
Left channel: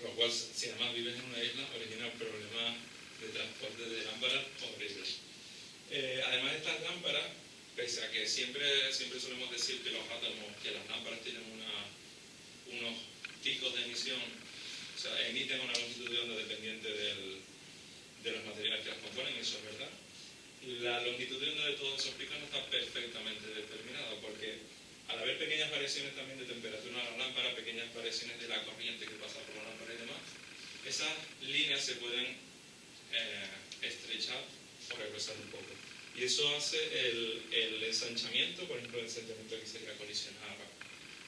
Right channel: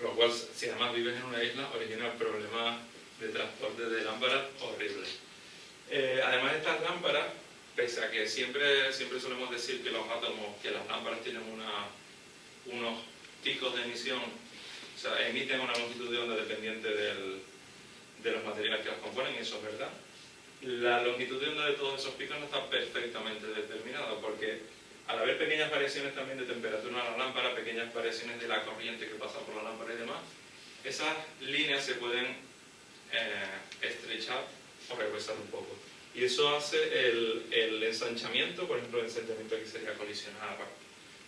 Lo cual, si además vives en una isla, origina problemas de transporte de lámparas horribles. Además de estas lámparas, pese a que siempre solemos decir que los átomos, que las lámparas tienen unos picos de emisión, o sea, emiten una longitud de onda dependiente de los materiales que las componen, y eso es verdad. La longitud de onda de todos esos picos no está perfectamente determinada, porque al haber pequeñas variaciones también de temperatura en la lámpara, pequeñas variaciones de la corriente que pasa por la lámpara y demás, esas líneas se pueden estrechar o regresar un poco. Y eso hace el ensanchamiento, por ejemplo, el ensanchamiento que sería colisionar.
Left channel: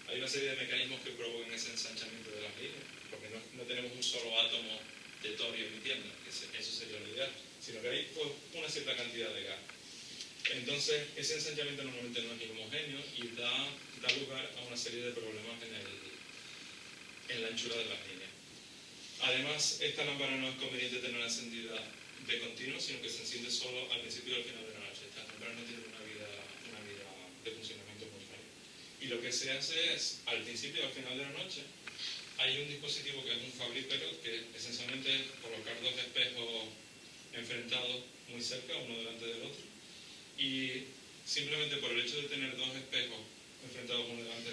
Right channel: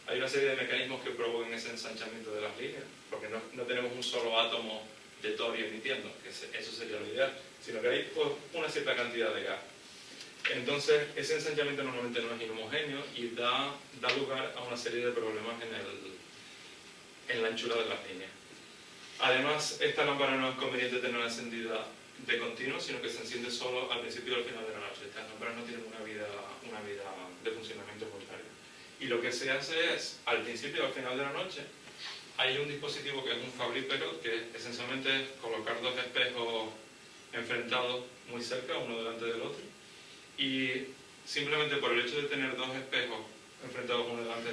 Hay una serie de mecanismos que provocan ese ensanchamiento de las líneas, porque no tenemos un solo átomo de torio emitiendo, que eso sería lo ideal, sino que hay pues, una cierta cantidad de gas. Entonces, ese ensanchamiento normalmente no es inhomogéneo y da lugar a una serie de problemas en la anchura de las líneas. Además, esta lámpara no es conveniente tenerla encendida de continuo, sino que se enciende solo al principio y al final de la noche. Estas lámparas no tienen una vida de funcionamiento muy larga. Y lo que se hace es, al principio y al final de la noche, hay un dispositivo que es un fabrípero, que esencialmente es colocar dos espejos enfrentados muy cerca, uno delante del otro, y simplemente por el hecho de tener dos espejos enfrentados uno delante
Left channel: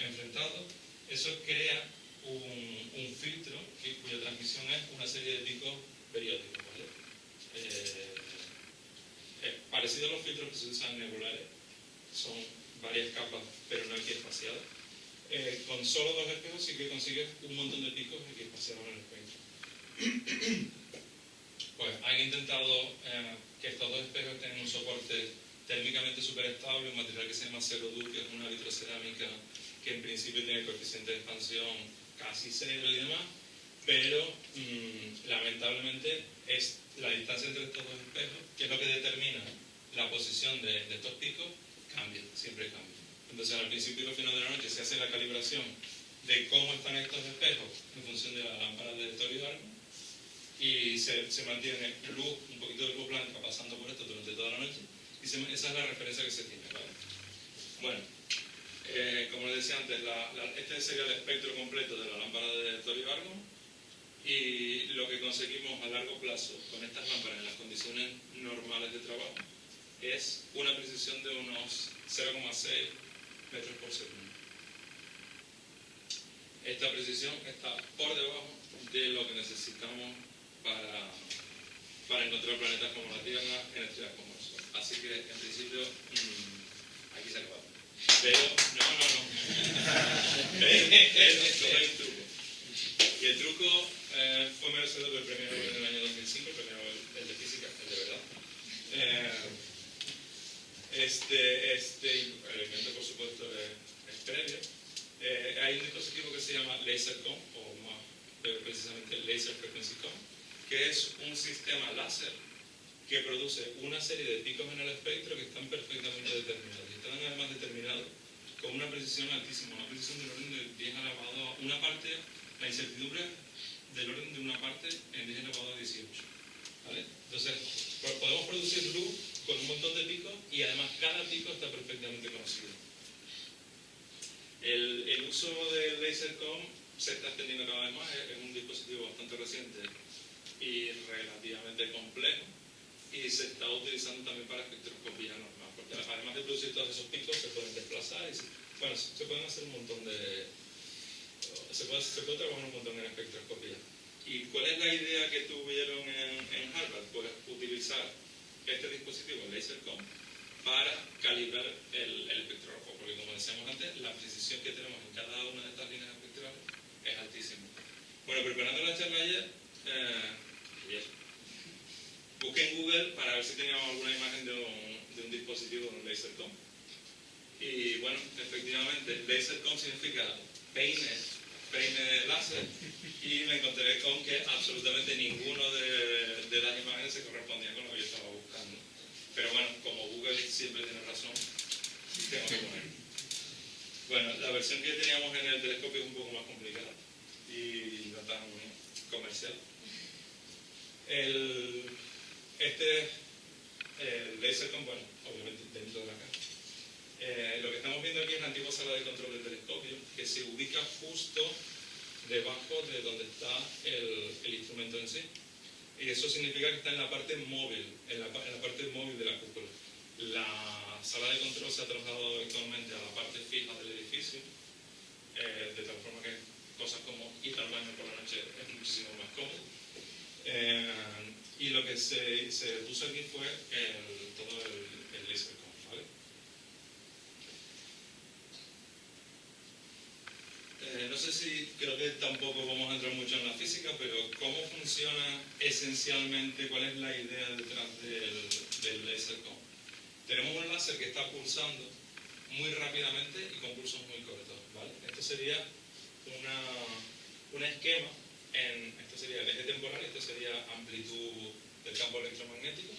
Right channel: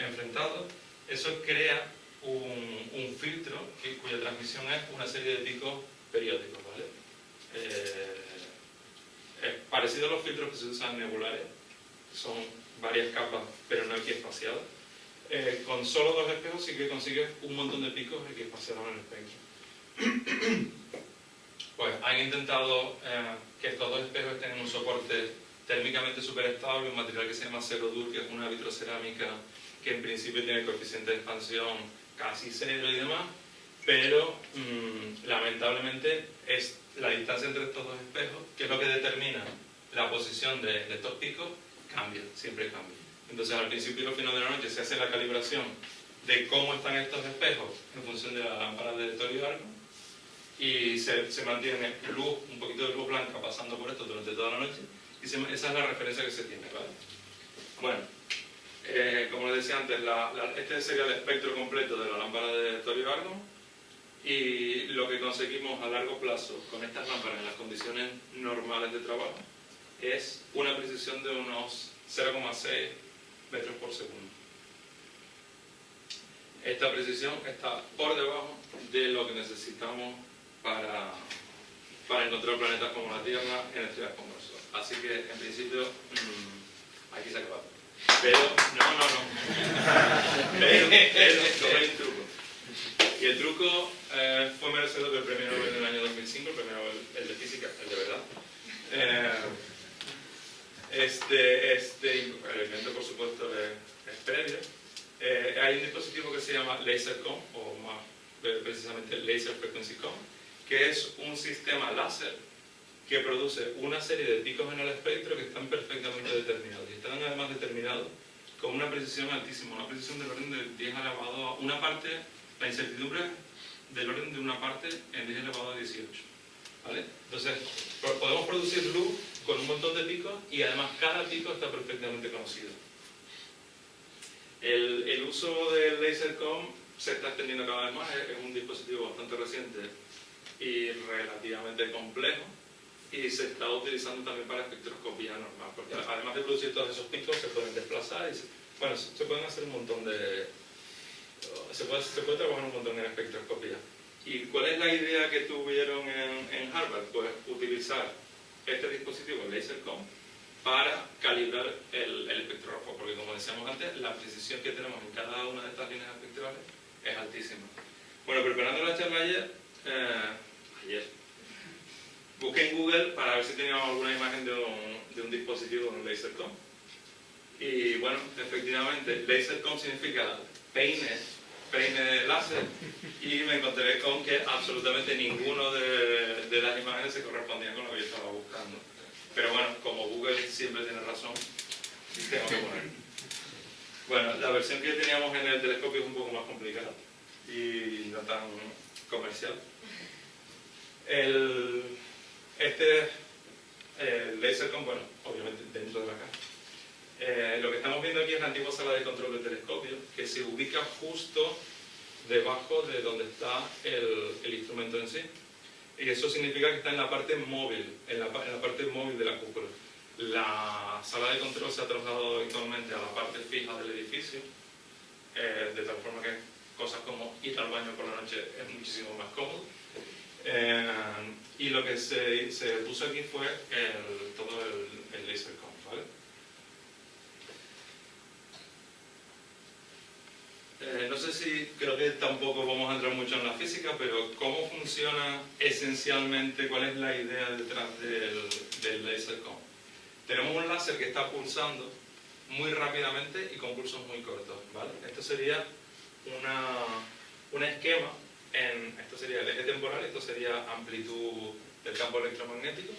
enfrentados, eso crea un filtro cuya transmisión es una serie de picos periódicos, ¿vale? Es parecido a los filtros que se usan en nebulares, son varias capas pero no equiespaciadas. Con solo dos espejos sí que consigues un montón de picos equiespaciados en el espectro. Pues han intentado que estos dos espejos estén en un soporte térmicamente súper estable, un material que se llama Cerodur, que es una vitrocerámica que en principio tiene coeficiente de expansión casi cero y demás, pero lamentablemente es la distancia entre estos dos espejos, que es lo que determina la posición de estos picos, cambia, siempre cambia. Entonces al principio y al final de la noche se hace la calibración de cómo están estos espejos en función de la lámpara de Toribio y se mantiene luz, un poquito de luz blanca pasando por esto durante toda la noche y esa es la referencia que se tiene, ¿vale? Bueno, como les decía antes, este sería el espectro completo de la lámpara de Toribio y lo que conseguimos a largo plazo con estas lámparas en las condiciones normales de trabajo es una precisión de unos 0,6 metros por segundo. Esta precisión está por debajo de lo que necesitamos para encontrar planetas como la Tierra en estrellas como el Sol. Así que, en principio, aquí se acaba. Pero, no. Pero hay un truco. Y el truco fue merecedor del premio Nobel del año 2005, el premio Nobel, el de física, el de verdad. El invento, por supuesto, es previo. Hay un dispositivo que se llama LaserCom, o más precisamente Laser Frequency Com, que es un sistema láser que produce una serie de picos en el espectro que están perfectamente determinados. Y están además determinados con una precisión altísima, una precisión del orden de 10 elevado a una parte, la incertidumbre del orden de una parte en 10 elevado a 18. ¿Vale? Entonces, podemos producir luz con un montón de picos y además cada pico está perfectamente conocido. El uso del LaserCom se está extendiendo cada vez más, es un dispositivo bastante reciente y relativamente complejo y se está utilizando también para espectroscopía normal, porque además de producir todos esos picos se pueden desplazar y se pueden hacer un montón de... Se puede trabajar un montón en espectroscopía. ¿Y cuál es la idea que tuvieron en Harvard? Pues utilizar este dispositivo, el LaserCom, para calibrar el espectrógrafo, porque como decíamos antes, la precisión que tenemos en cada una de estas líneas espectrales es altísima. Bueno, preparando la charla ayer, busqué en Google para ver si teníamos alguna imagen de un dispositivo de un LaserCom. Y bueno, efectivamente, LaserCom significa peine láser, y me encontré con que absolutamente ninguno de las imágenes se correspondía con lo que yo estaba buscando. Pero bueno, como Google siempre tiene razón, tengo que poner. Bueno, la versión que teníamos en el telescopio es un poco más complicada y no tan comercial. El LaserCom, bueno, obviamente dentro de la caja. Lo que estamos viendo aquí es la antigua sala de control del telescopio, que se ubica justo debajo de donde está el instrumento en sí. Y eso significa que está en la parte móvil, en la parte móvil de la cúpula. La sala de control se ha trasladado actualmente a la parte fija del edificio, de tal forma que cosas como ir al baño por la noche es muchísimo más cómodo. Y lo que se puso aquí fue todo el LaserCom, ¿vale? No sé si, creo que tampoco vamos a entrar mucho en la física, pero ¿cómo funciona esencialmente, cuál es la idea detrás del LaserCom? Tenemos un láser que está pulsando muy rápidamente y con pulsos muy cortos, ¿vale? Esto sería un esquema, esto sería el eje temporal, esto sería amplitud del campo electromagnético,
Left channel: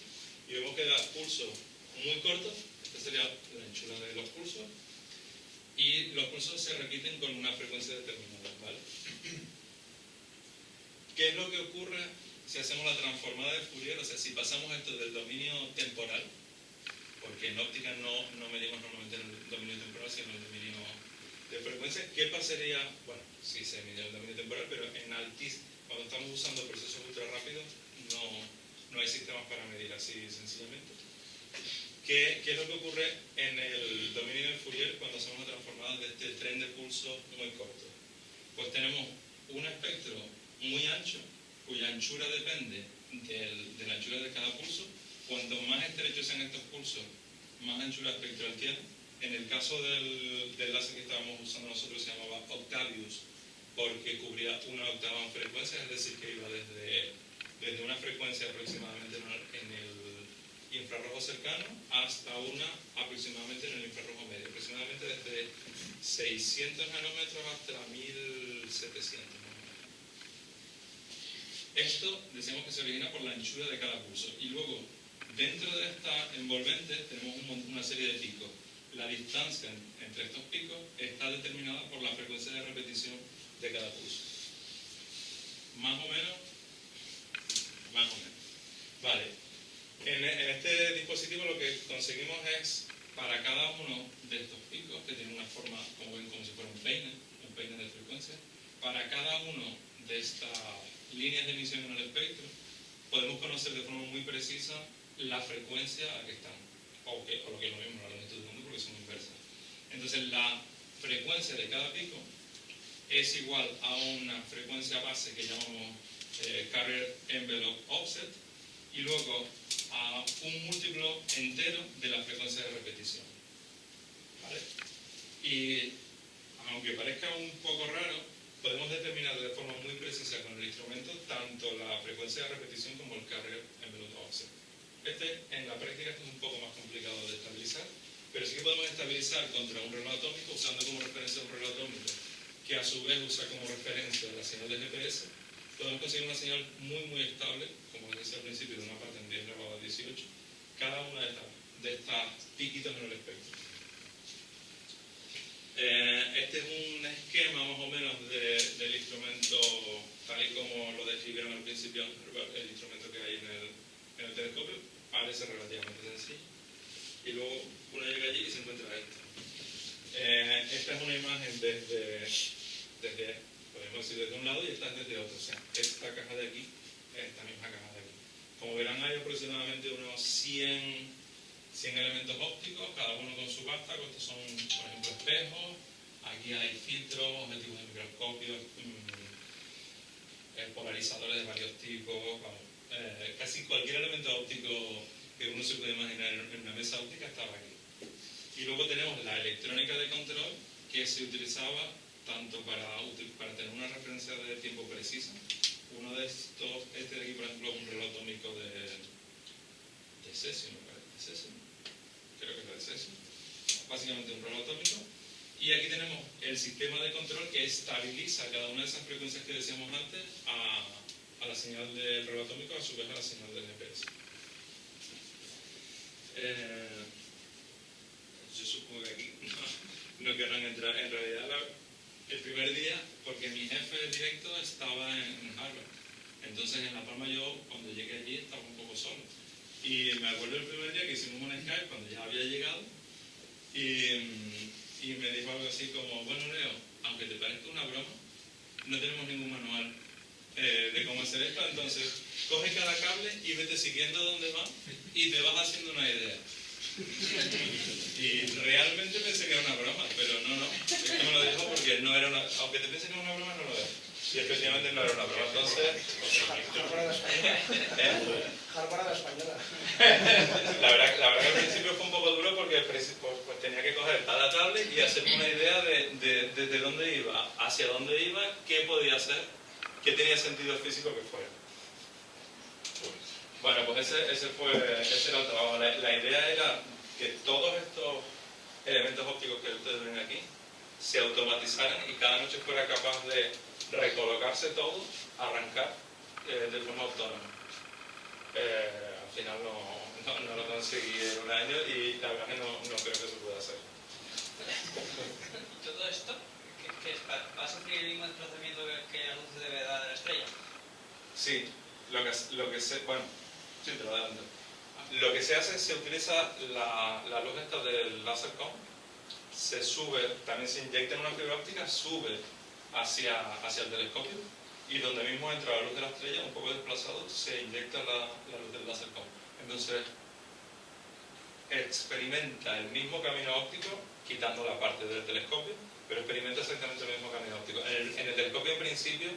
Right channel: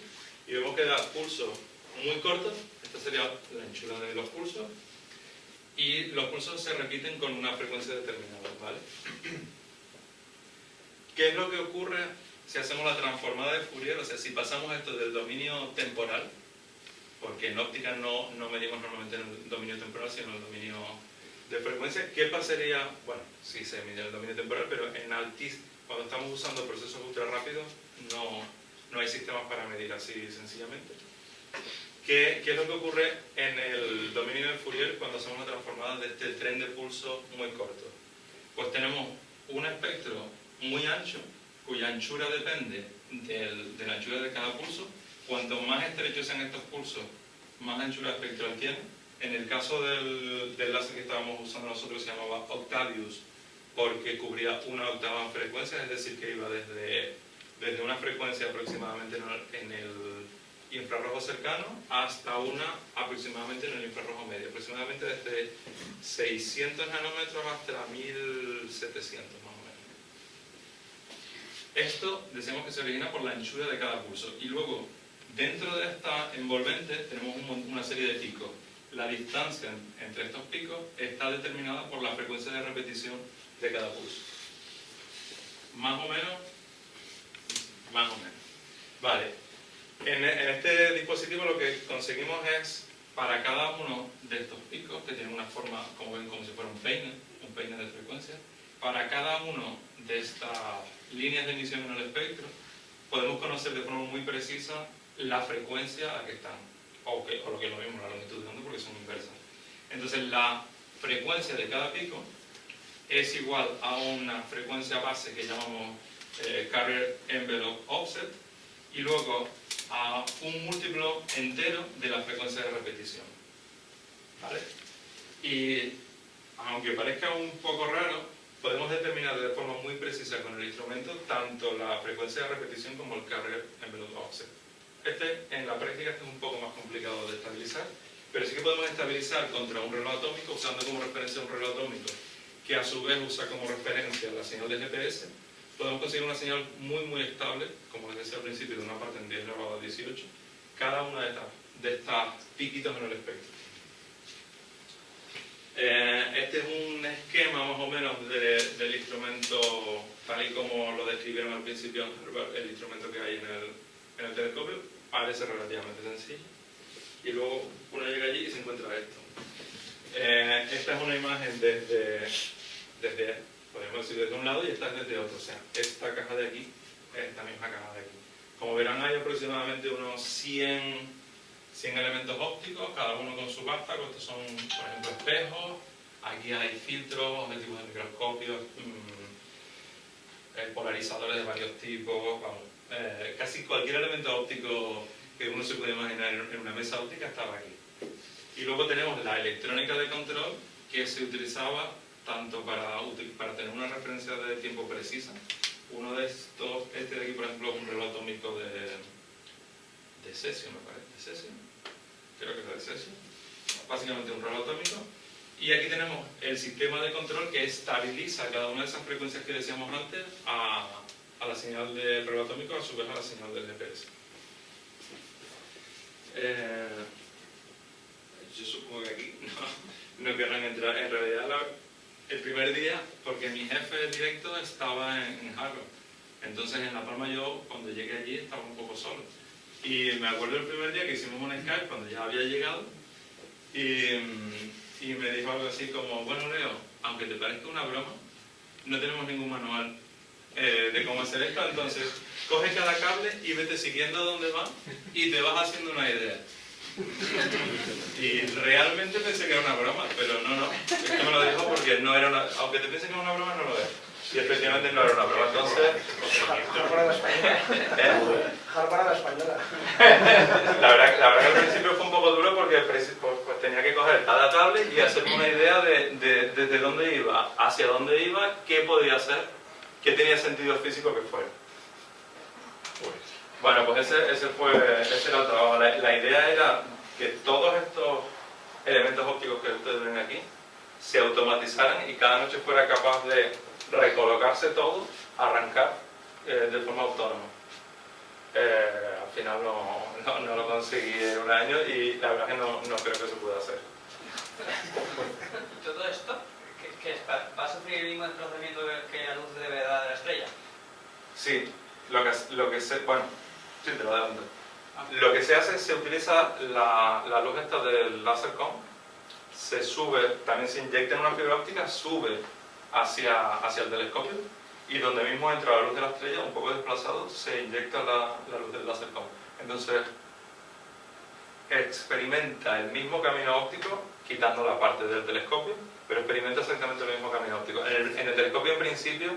y vemos que da pulsos muy cortos, esta sería la anchura de los pulsos, y los pulsos se repiten con una frecuencia determinada, ¿vale? ¿Qué es lo que ocurre si hacemos la transformada de Fourier? O sea, si pasamos esto del dominio temporal porque en óptica no medimos normalmente en el dominio temporal, sino en el dominio de frecuencia. ¿Qué pasaría? Bueno, sí se mide en el dominio temporal, pero en cuando estamos usando procesos ultra rápidos, no hay sistemas para medir así sencillamente. ¿Qué es lo que ocurre en el dominio de Fourier cuando hacemos una transformada de este tren de pulso muy corto? Pues tenemos un espectro muy ancho, cuya anchura depende de la anchura de cada pulso. Cuanto más estrechos sean estos pulsos, más anchura espectral tiene. En el caso del láser que estábamos usando nosotros se llamaba Octavius, porque cubría una octava en frecuencia, es decir, que iba desde una frecuencia aproximadamente en el infrarrojo cercano hasta una aproximadamente en el infrarrojo medio, aproximadamente desde 600 nanómetros hasta 1700 más o menos. Esto decimos que se origina por la anchura de cada pulso, y luego dentro de esta envolvente tenemos una serie de picos. La distancia entre estos picos está determinada por la frecuencia de repetición de cada pulso. Más o menos. Vale. En este dispositivo lo que conseguimos es, para cada uno de estos picos, que tienen una forma, como ven, como si fuera un peine de frecuencia, para cada uno de estas líneas de emisión en el espectro, podemos conocer de forma muy precisa la frecuencia a la que están, o lo que es lo mismo, la longitud de onda, porque son inversas. Entonces, la frecuencia de cada pico es igual a una frecuencia base que llamamos Carrier Envelope Offset, y luego a un múltiplo entero de la frecuencia de repetición. ¿Vale? Y aunque parezca un poco raro, podemos determinar de forma muy precisa con el instrumento tanto la frecuencia de repetición como el Carrier Envelope Offset. En la práctica es un poco más complicado de estabilizar, pero sí que podemos estabilizar contra un reloj atómico usando como referencia un reloj atómico que a su vez usa como referencia la señal de GPS. Podemos conseguir una señal muy estable, como les decía al principio, de una parte en 10 elevado a 18, cada una de estas piquitos en el espectro. Este es un esquema más o menos del instrumento, tal y como lo describieron al principio, el instrumento que hay en el telescopio. Parece relativamente sencillo. Y luego uno llega allí y se encuentra esto. Esta es una imagen podemos decir desde un lado, y esta es desde otro. O sea, esta caja de aquí, esta misma caja de aquí. Como verán, hay aproximadamente unos 100 elementos ópticos, cada uno con su vástago. Estos son, por ejemplo, espejos. Aquí hay filtros, objetivos de microscopio, polarizadores de varios tipos. Vamos, casi cualquier elemento óptico que uno se puede imaginar en una mesa óptica estaba aquí. Y luego tenemos la electrónica de control, que se utilizaba tanto para tener una referencia de tiempo precisa. Uno de estos, este de aquí por ejemplo, es un reloj atómico de cesio, me parece. ¿De cesio? Creo que es de cesio. Básicamente un reloj atómico. Y aquí tenemos el sistema de control que estabiliza cada una de esas frecuencias que decíamos antes a la señal del reloj atómico, a su vez a la señal del GPS. Yo supongo que aquí no querrán entrar. En realidad, el primer día, porque mi jefe directo estaba en Harvard. Entonces, en La Palma yo, cuando llegué allí, estaba un poco solo. Y me acuerdo el primer día que hicimos un Skype, cuando ya había llegado, y me dijo algo así como: bueno, Leo, aunque te parezca una broma, no tenemos ningún manual de cómo hacer esto, entonces coge cada cable y vete siguiendo dónde va y te vas haciendo una idea. Y realmente pensé que era una broma, pero no. Esto me lo dijo porque no era una... Aunque te pienses que es una broma, no lo es. Y efectivamente no era una broma. Entonces... Harvard española. Harvard española. La verdad que al principio fue un poco duro porque pues tenía que coger cada cable y hacerme una idea de desde dónde iba, hacia dónde iba, qué podía hacer, qué tenía sentido físico que fuera. Bueno, pues ese era el trabajo. La idea era que todos estos elementos ópticos que ustedes ven aquí se automatizaran y cada noche fuera capaz de recolocarse todo, arrancar de forma autónoma. Al final no lo conseguí en un año y la verdad es que no creo que se pueda hacer. ¿Y todo esto qué es? ¿Va a sufrir el mismo desplazamiento que la luz de verdad de la estrella? Sí, bueno, sí, te lo adelanto. Lo que se hace es se utiliza la luz esta del Lasercom, se sube, también se inyecta en una fibra óptica, sube hacia el telescopio y donde mismo entra la luz de la estrella, un poco desplazado, se inyecta la luz del Lasercom. Entonces experimenta el mismo camino óptico, quitando la parte del telescopio, pero experimenta exactamente el mismo camino óptico. En el telescopio en principio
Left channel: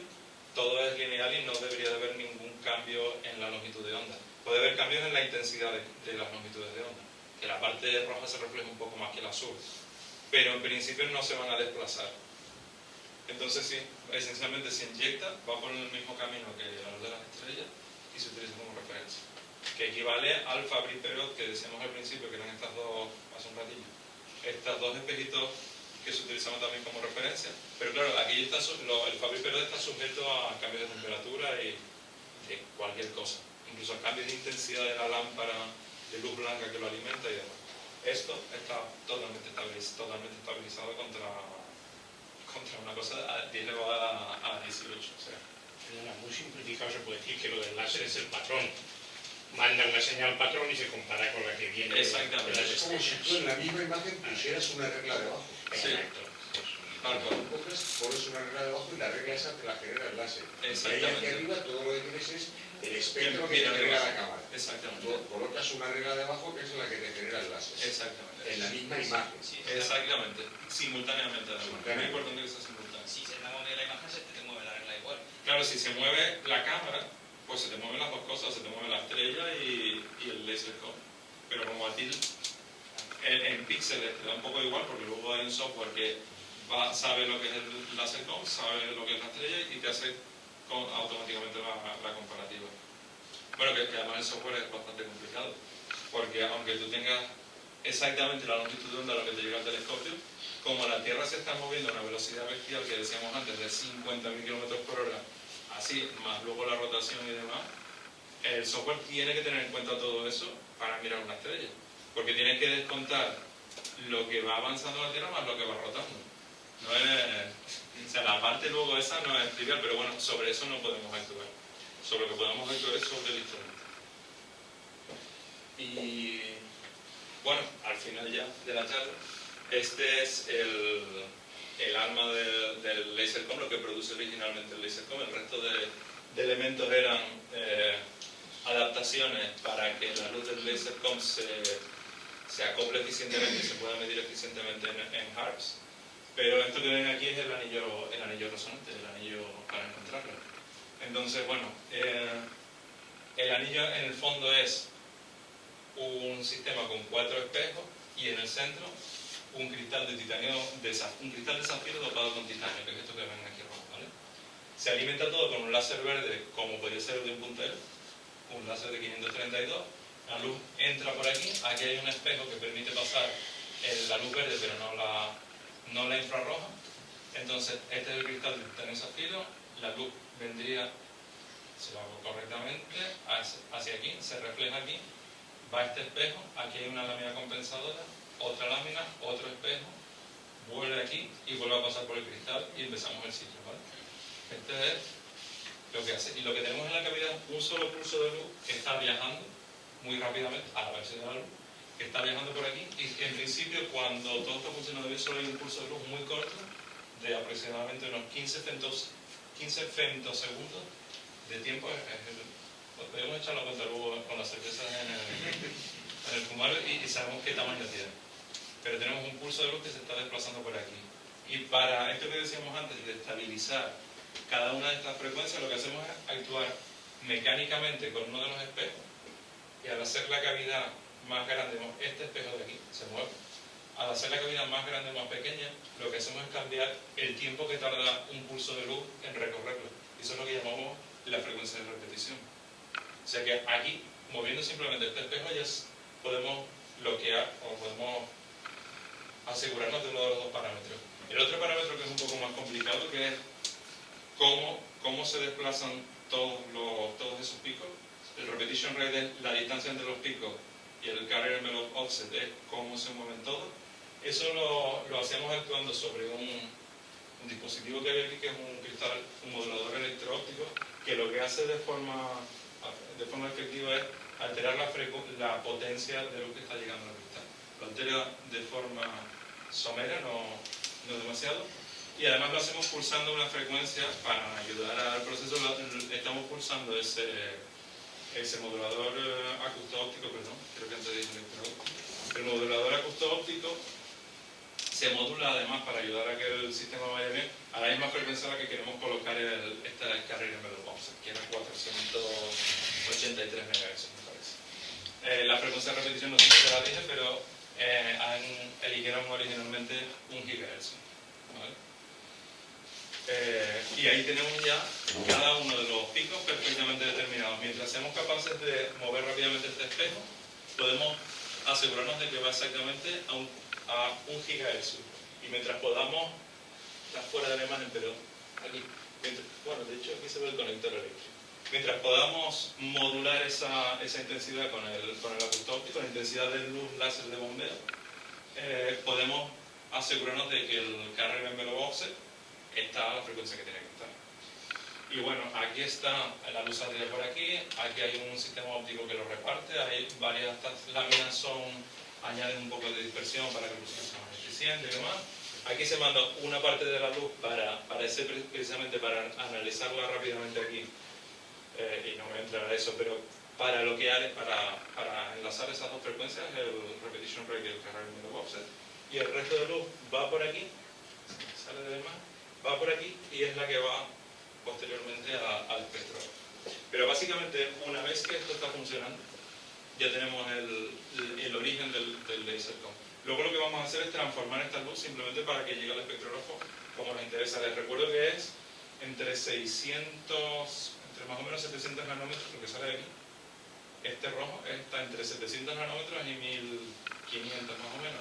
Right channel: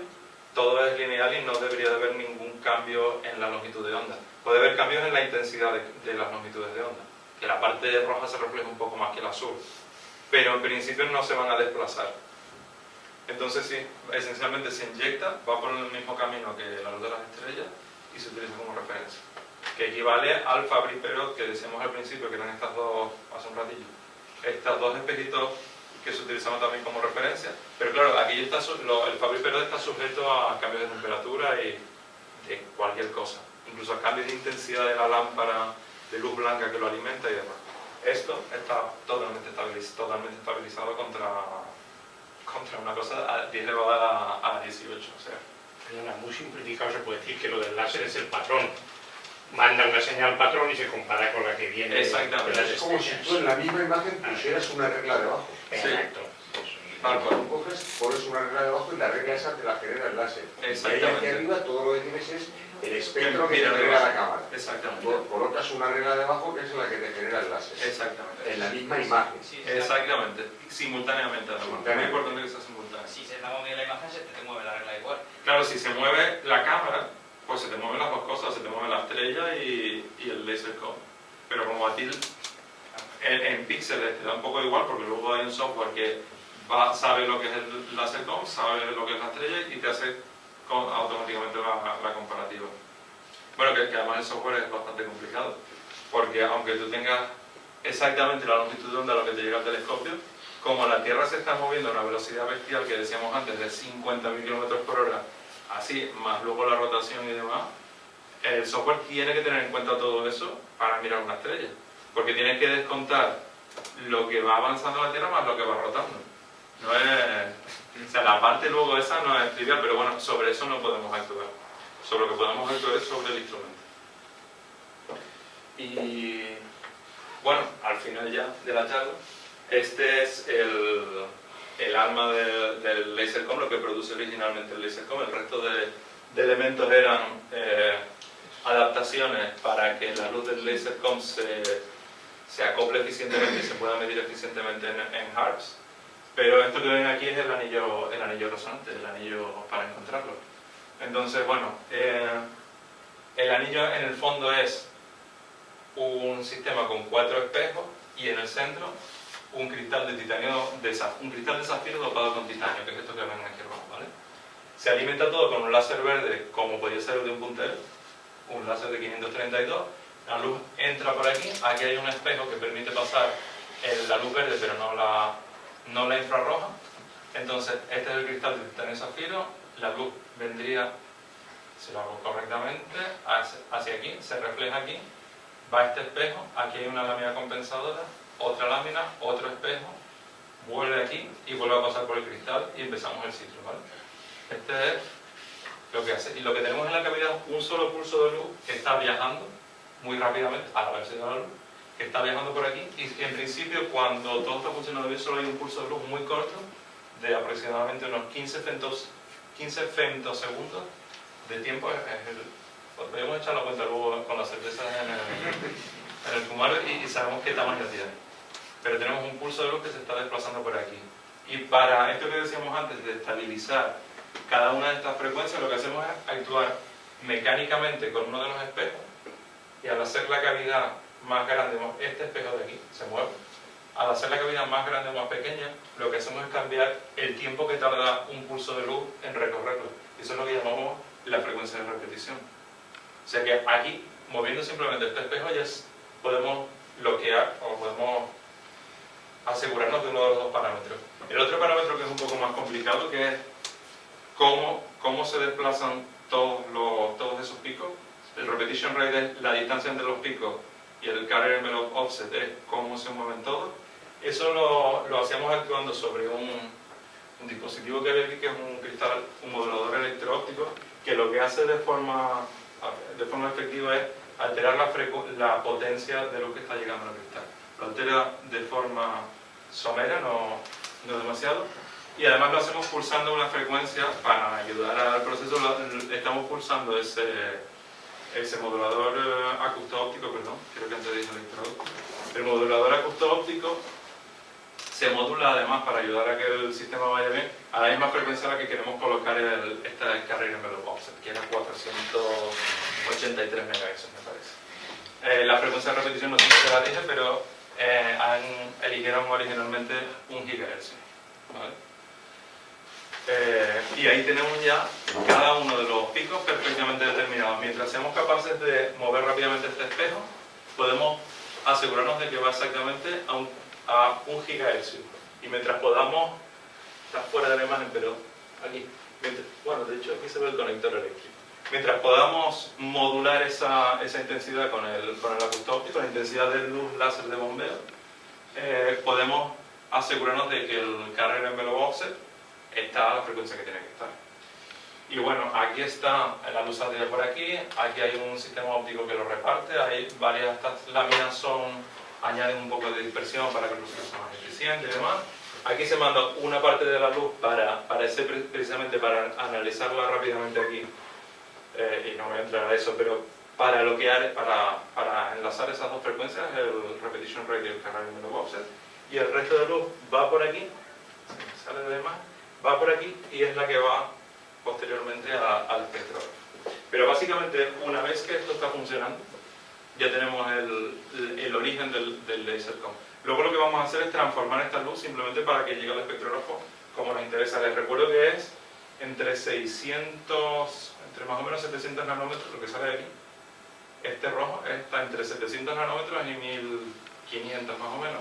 todo es lineal y no debería de haber ningún cambio en la longitud de onda. Puede haber cambios en la intensidad de las longitudes de onda, que la parte roja se refleja un poco más que el azul, pero en principio no se van a desplazar. Entonces sí, esencialmente se inyecta, va por el mismo camino que la luz de las estrellas y se utiliza como referencia, que equivale al Fabry-Perot que decíamos al principio, que eran estas dos, hace un ratillo, estas dos espejitos que se utilizaban también como referencia, pero claro, aquí está, el Fabry-Perot está sujeto a cambios de temperatura y de cualquier cosa, incluso a cambios de intensidad de la lámpara de luz blanca que lo alimenta y demás. Esto está totalmente estabilizado contra una cosa a 10 elevada a 18, o sea. Perdona, muy simplificado se puede decir que lo del láser es el patrón. Manda una señal patrón y se compara con la que viene. Exactamente. Es como si tú en la misma imagen pusieras una regla debajo. Exacto. Tal cual. Tú coges, pones una regla debajo y la regla esa te la genera el láser. Y ahí Exactamente. aquí arriba todo lo que tienes es el espectro que Mira, te genera la cámara. Exactamente. Colocas una regla debajo que es la que te genera el láser. Exactamente. En la misma imagen. Sí, Exactamente. Simultáneamente, además. Es muy Simultáneamente. importante que sea simultáneo. Si se está moviendo la imagen, se te mueve la regla igual. Claro, si se mueve la cámara, pues se te mueven las dos cosas, se te mueve la estrella y el Lasercom. Pero como a ti en píxeles te da un poco igual, porque luego hay un software que sabe lo que es el Lasercom, sabe lo que es la estrella y te hace automáticamente la comparativa. Bueno, que además el software es bastante complicado, porque aunque tú tengas exactamente la longitud de onda a lo que te llega al telescopio, como la Tierra se está moviendo a una velocidad bestial que decíamos antes de 50.000 km/h, así, más luego la rotación y demás, el software tiene que tener en cuenta todo eso para mirar una estrella, porque tiene que descontar lo que va avanzando la Tierra más lo que va rotando. No es, o sea, la parte luego esa no es trivial, pero bueno, sobre eso no podemos actuar. Sobre lo que podemos actuar es sobre el instrumento. Y bueno, al final ya de la charla, este es el alma del Lasercom, lo que produce originalmente el Lasercom. El resto de elementos eran adaptaciones para que la luz del Lasercom se acople eficientemente y se pueda medir eficientemente en Harps. Pero esto que ven aquí es el anillo resonante, el anillo para encontrarlo. Entonces, bueno, el anillo en el fondo es un sistema con 4 espejos y en el centro un cristal de titanio, un cristal de zafiro dopado con titanio, que es esto que ven aquí rojo, ¿vale? Se alimenta todo con un láser verde, como podría ser el de un puntero, un láser de 532. La luz entra por aquí hay un espejo que permite pasar la luz verde, pero no la infrarroja. Entonces, este es el cristal de titanio zafiro, la luz vendría, si lo hago correctamente, hacia aquí, se refleja aquí, va a este espejo, aquí hay una lámina compensadora, otra lámina, otro espejo, vuelve aquí y vuelve a pasar por el cristal y empezamos el ciclo, ¿vale? Este es lo que hace. Y lo que tenemos en la cavidad es un solo pulso de luz que está viajando muy rápidamente a la velocidad de la luz, que está viajando por aquí y en principio cuando todo está funcionando bien solo hay un pulso de luz muy corto de aproximadamente unos 15 femtosegundos de tiempo. Podemos echar la cuenta luego con las cervezas en el fumario y sabemos qué tamaño tiene. Pero tenemos un pulso de luz que se está desplazando por aquí. Y para esto que decíamos antes de estabilizar cada una de estas frecuencias, lo que hacemos es actuar mecánicamente con uno de los espejos y al hacer la cavidad más grande, este espejo de aquí se mueve. Al hacer la cavidad más grande o más pequeña, lo que hacemos es cambiar el tiempo que tarda un pulso de luz en recorrerlo. Eso es lo que llamamos la frecuencia de repetición. O sea que aquí, moviendo simplemente este espejo, ya podemos bloquear o podemos asegurarnos de uno de los dos parámetros. El otro parámetro que es un poco más complicado, que es cómo se desplazan todos esos picos. El repetition rate es la distancia entre los picos y el carrier envelope offset es cómo se mueven todos. Eso lo hacíamos actuando sobre un dispositivo que hay aquí, que es un cristal, un modulador electro-óptico, que lo que hace de forma efectiva es alterar la potencia de luz que está llegando al cristal. Lo altera de forma somera, no demasiado, y además lo hacemos pulsando una frecuencia para ayudar al proceso. Estamos pulsando ese modulador acústico-óptico, perdón, creo que antes dije electro-óptico. El modulador acústico-óptico se modula además para ayudar a que el sistema vaya bien a la misma frecuencia a la que queremos colocar esta carrera envelope offset, que era 483 MHz, me parece. La frecuencia de repetición no sé si la dije, pero eligieron originalmente 1 GHz, ¿vale? Y ahí tenemos ya cada uno de los picos perfectamente determinados. Mientras seamos capaces de mover rápidamente este espejo, podemos asegurarnos de que va exactamente a 1 GHz. Y mientras podamos, está fuera de la imagen, pero aquí, bueno, de hecho aquí se ve el conector eléctrico. Mientras podamos modular esa intensidad con el acústico-óptico, la intensidad de luz láser de bombeo, podemos asegurarnos de que el carrier envelope offset está a la frecuencia que tiene que estar. Y bueno, aquí está la luz saldría por aquí hay un sistema óptico que lo reparte, hay varias, estas láminas añaden un poco de dispersión para que el proceso sea más eficiente y demás. Aquí se manda una parte de la luz precisamente para analizarla rápidamente aquí, y no voy a entrar a eso, pero para enlazar esas dos frecuencias, el repetition rate y el carrier envelope offset, y el resto de luz va por aquí, sale de demás, va por aquí y es la que va posteriormente al espectro. Pero básicamente, una vez que esto está funcionando, ya tenemos el origen del lasercom. Luego lo que vamos a hacer es transformar esta luz simplemente para que llegue al espectrógrafo como nos interesa. Les recuerdo que es entre más o menos 700 nanómetros lo que sale de aquí. Este rojo está entre 700 nanómetros y 1500 más o menos.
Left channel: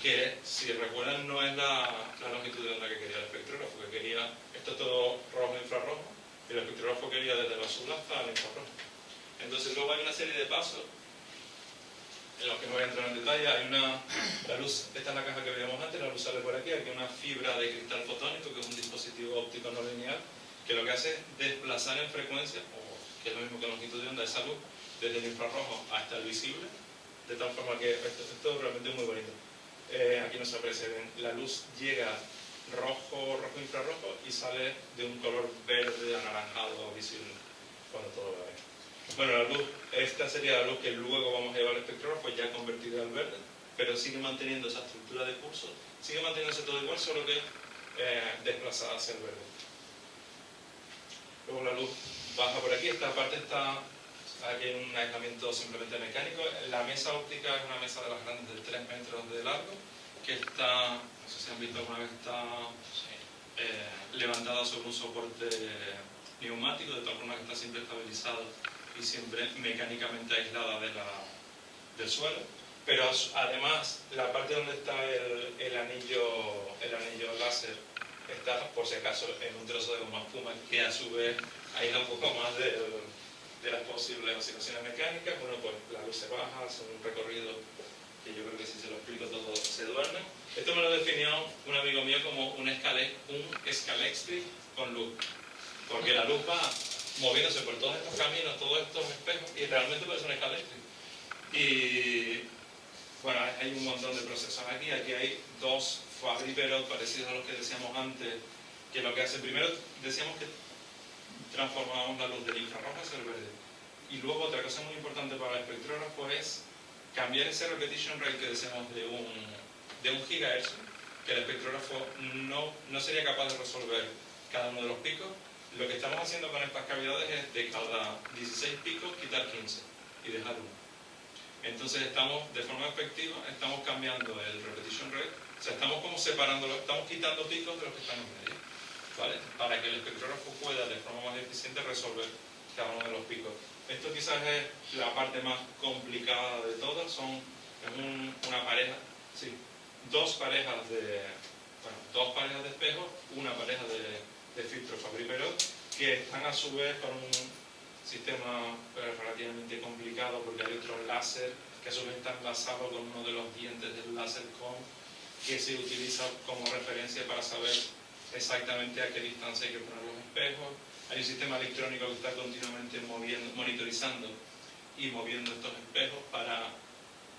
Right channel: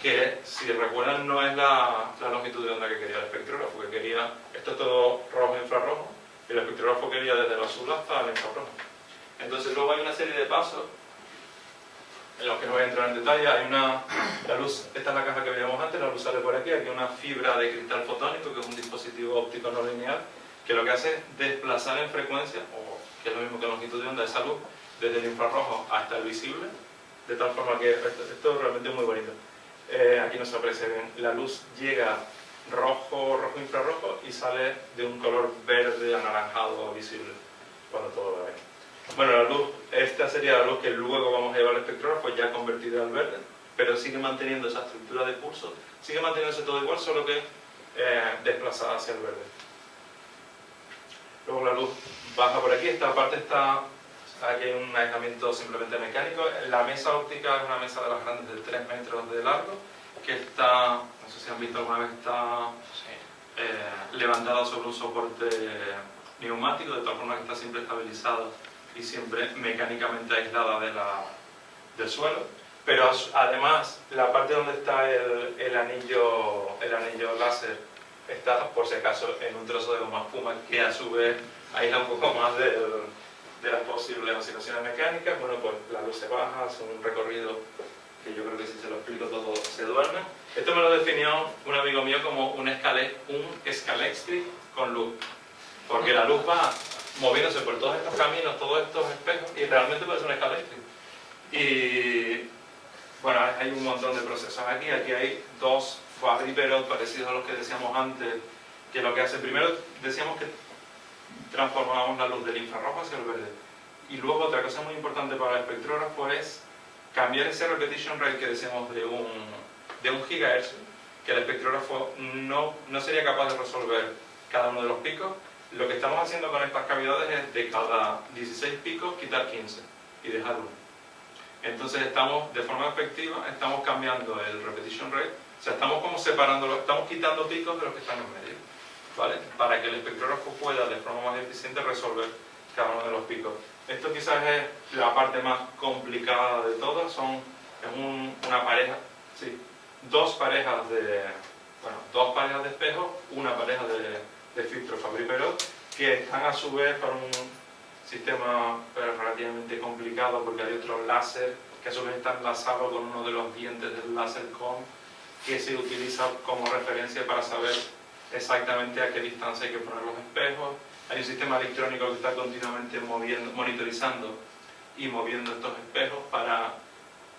Que, si recuerdan, no es la longitud de onda que quería el espectrógrafo, que quería, esto es todo rojo e infrarrojo, y el espectrógrafo quería desde el azul hasta el infrarrojo. Entonces luego hay una serie de pasos en los que no voy a entrar en detalle. La luz, esta es la caja que veíamos antes, la luz sale por aquí, hay una fibra de cristal fotónico, que es un dispositivo óptico no lineal, que lo que hace es desplazar en frecuencia, o que es lo mismo que longitud de onda, esa luz, desde el infrarrojo hasta el visible, de tal forma que esto es realmente muy bonito. Aquí no se aprecia bien, la luz llega rojo infrarrojo y sale de un color verde anaranjado visible cuando todo va bien. Bueno, la luz, esta sería la luz que luego vamos a llevar al espectrógrafo ya convertida al verde, pero sigue manteniendo esa estructura de pulso, sigue manteniéndose todo igual, solo que desplazada hacia el verde. Luego la luz baja por aquí, esta parte está, aquí hay un aislamiento simplemente mecánico. La mesa óptica es una mesa de las grandes de 3 metros de largo, que está, no sé si han visto alguna vez, está levantada sobre un soporte neumático, de tal forma que está siempre estabilizada y siempre mecánicamente aislada del suelo. Pero además, la parte donde está el anillo láser está, por si acaso, en un trozo de goma espuma que a su vez aísla un poco más de las posibles oscilaciones mecánicas. Bueno, pues la luz se baja, hace un recorrido que yo creo que si se lo explico todo se duerme. Esto me lo definió un amigo mío como un Scalextric con luz, porque la luz va moviéndose por todos estos caminos, todos estos espejos, y realmente puede ser un Scalextric. Y bueno, hay un montón de procesos aquí. Aquí hay dos Fabry-Perot parecidos a los que decíamos antes, que lo que hace, primero decíamos que transformábamos la luz del infrarrojo hacia el verde. Y luego otra cosa muy importante para el espectrógrafo es cambiar ese repetition rate que decíamos de un GHz, que el espectrógrafo no sería capaz de resolver cada uno de los picos. Lo que estamos haciendo con estas cavidades es de cada 16 picos quitar 15 y dejar uno. Entonces estamos, de forma efectiva, estamos cambiando el repetition rate, o sea, estamos como separándolo, estamos quitando picos de los que están en medio, ¿vale? Para que el espectrógrafo pueda, de forma más eficiente, resolver cada uno de los picos. Esto quizás es la parte más complicada de todas, una pareja, sí, dos parejas de espejos, una pareja de filtros Fabry-Perot, que están a su vez para un sistema relativamente complicado, porque hay otro láser que a su vez está enlazado con uno de los dientes del lasercom, que se utiliza como referencia para saber exactamente a qué distancia hay que poner los espejos. Hay un sistema electrónico que está continuamente monitorizando y moviendo estos espejos para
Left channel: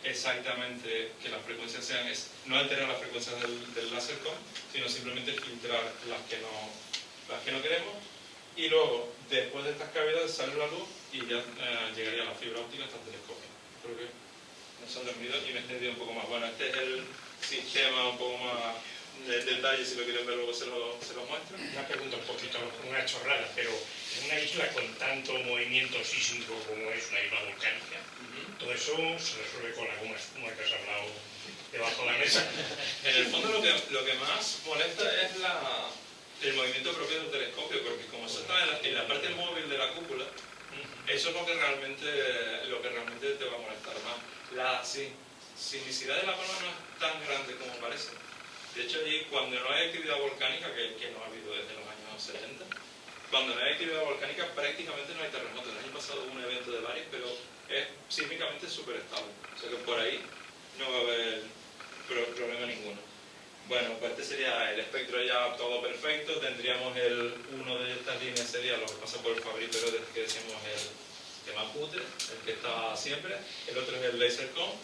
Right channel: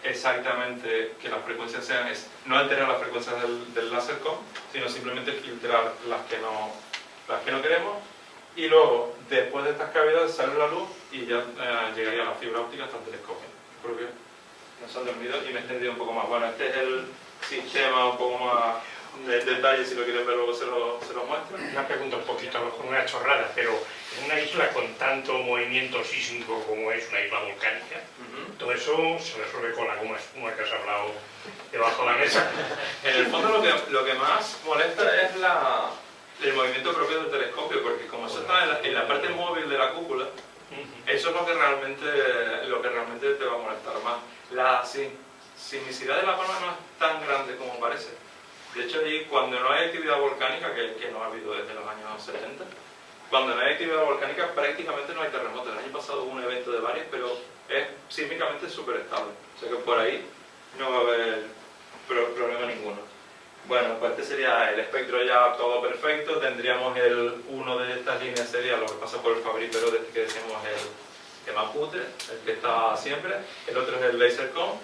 exactamente que las frecuencias sean, no alterar las frecuencias del LaserCom, sino simplemente filtrar las que no queremos, y luego, después de estas cavidades, sale la luz y ya llegaría la fibra óptica hasta el telescopio. Creo que nos han dormido y me he extendido un poco más. Bueno, este es el sistema un poco más de detalle, si lo quieren ver luego se lo muestro. Una pregunta un poquito, a lo mejor una chorrada, pero en una isla con tanto movimiento sísmico como es una isla volcánica, todo eso se resuelve con la goma espuma que has hablado debajo de la mesa. En el fondo lo que más molesta es el movimiento propio del telescopio, porque como eso está en la parte móvil de la cúpula, eso es lo que realmente te va a molestar más. La sismicidad de La Palma no es tan grande como parece. De hecho, allí, cuando no hay actividad volcánica, que no ha habido desde los años 70, cuando no hay actividad volcánica prácticamente no hay terremotos. El año pasado hubo un evento de varios, pero es sísmicamente súper estable. O sea que por ahí no va a haber problema ninguno. Bueno, pues este sería el espectro ya todo perfecto. Tendríamos uno de estas líneas sería lo que pasa por el Fabry-Perot, desde que decíamos el Mapute, el que está siempre. El otro es el LaserCom.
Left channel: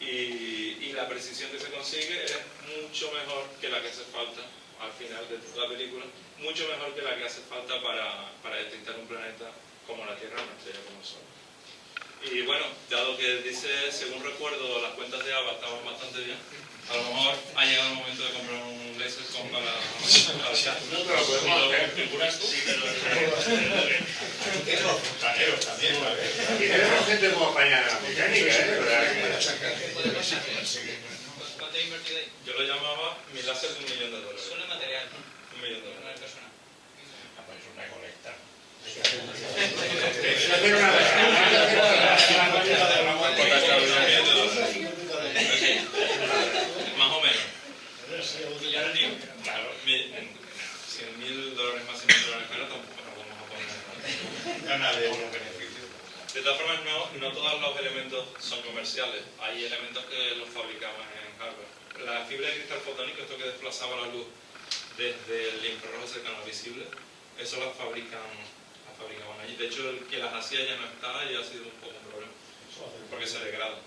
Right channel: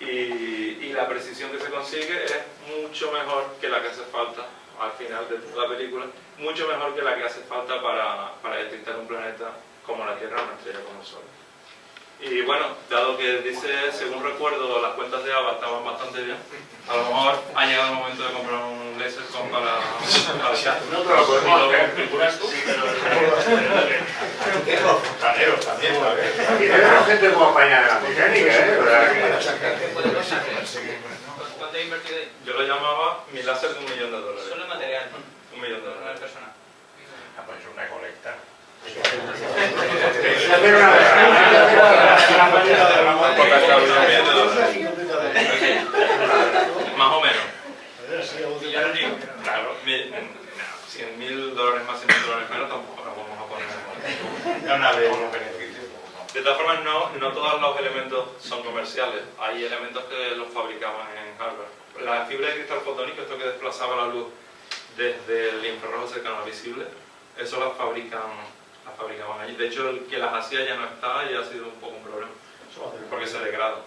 Y la precisión que se consigue es mucho mejor que la que hace falta al final de toda la película, mucho mejor que la que hace falta para detectar un planeta como la Tierra o una estrella como el Sol. Y bueno, dado que dice, según recuerdo, las cuentas de ABA estaban bastante bien, a lo mejor ha llegado el momento de comprar un LaserCom para No, pero lo podemos hacer. ¿Figuras tú? Fontaneros también, aquí tenemos gente muy apañada en la mecánica, ¿Qué podemos hacer? ¿Cuánto he invertido ahí? Yo lo llamaba mi láser de $1 millón. Solo en material, $1 millón. no en persona. Ah, pues una colecta. hacer una Más o menos. Claro. $100.000 más, $100.000 menos, tampoco nos vamos a poner. una vez un beneficio. De todas formas, no todos los elementos son comerciales. Hay elementos que los fabricaban en Harvard. La fibra de cristal fotónico, esto que desplazaba la luz desde el infrarrojo cercano al visible, eso las fabricaban allí. De hecho, el que las hacía ya no está y ha sido un poco un problema, porque se degrada.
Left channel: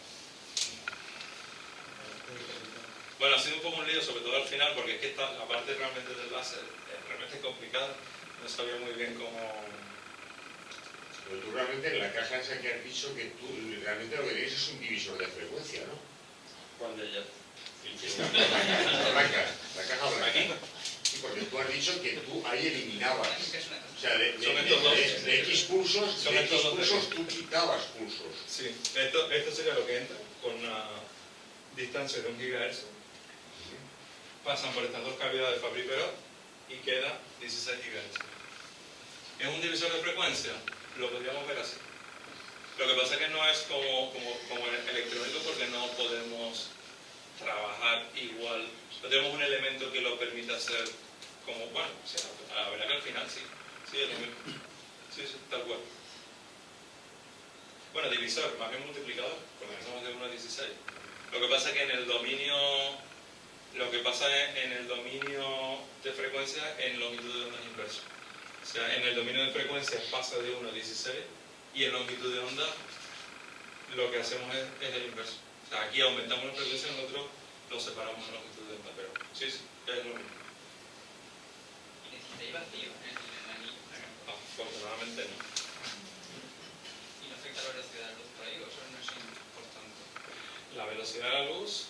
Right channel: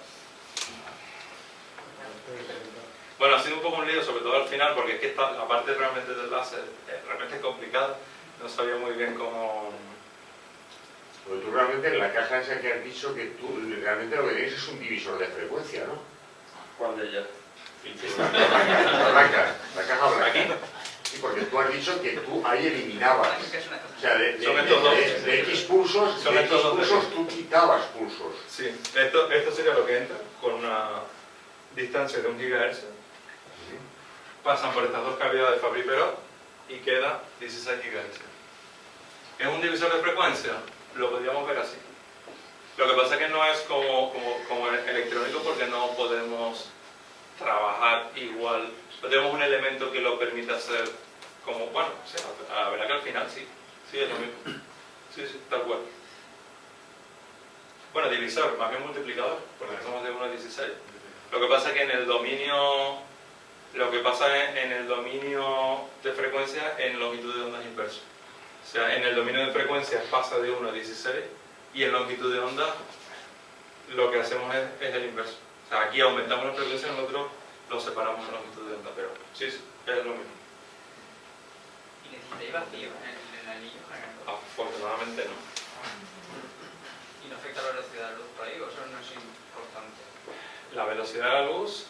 Bueno, ha sido un poco un lío, sobre todo al final, porque es que la parte realmente del láser realmente es complicada. No sabía muy bien cómo... Pues tú realmente en la caja esa que has dicho que tú realmente lo que tienes es un divisor de frecuencia, ¿no? ¿Cuál de ellas? La caja blanca. Sí, porque tú has dicho que tú ahí eliminabas. O sea, de X pulsos, tú quitabas pulsos. Sí, esto sería lo que entra con una distancia de 1 GHz. Pasan por estas dos cavidades de Fabry-Perot y queda 16 GHz. ¿Es un divisor de frecuencia? Lo podríamos ver así. Lo que pasa es que no es como electrónico, porque no podemos trabajar igual. No tenemos un elemento que lo permita hacer como, bueno, sí, la verdad que al final sí es lo mismo. Sí, tal cual. Bueno, divisor, más bien multiplicador, porque somos de 1 a 16. Lo que pasa es que en el dominio de frecuencia en longitud de ondas inverso. O sea, en el dominio de frecuencias pasa de 1 a 16 y en longitud de onda lo que hacemos es el inverso. O sea, aquí aumentamos la frecuencia, en el otro lo separamos en longitud de onda, pero sí, es lo mismo. ¿Y necesitáis vacío en el anillo? Afortunadamente no. ¿Y no afecta la velocidad de la luz por ahí o eso no es importante? La velocidad de la luz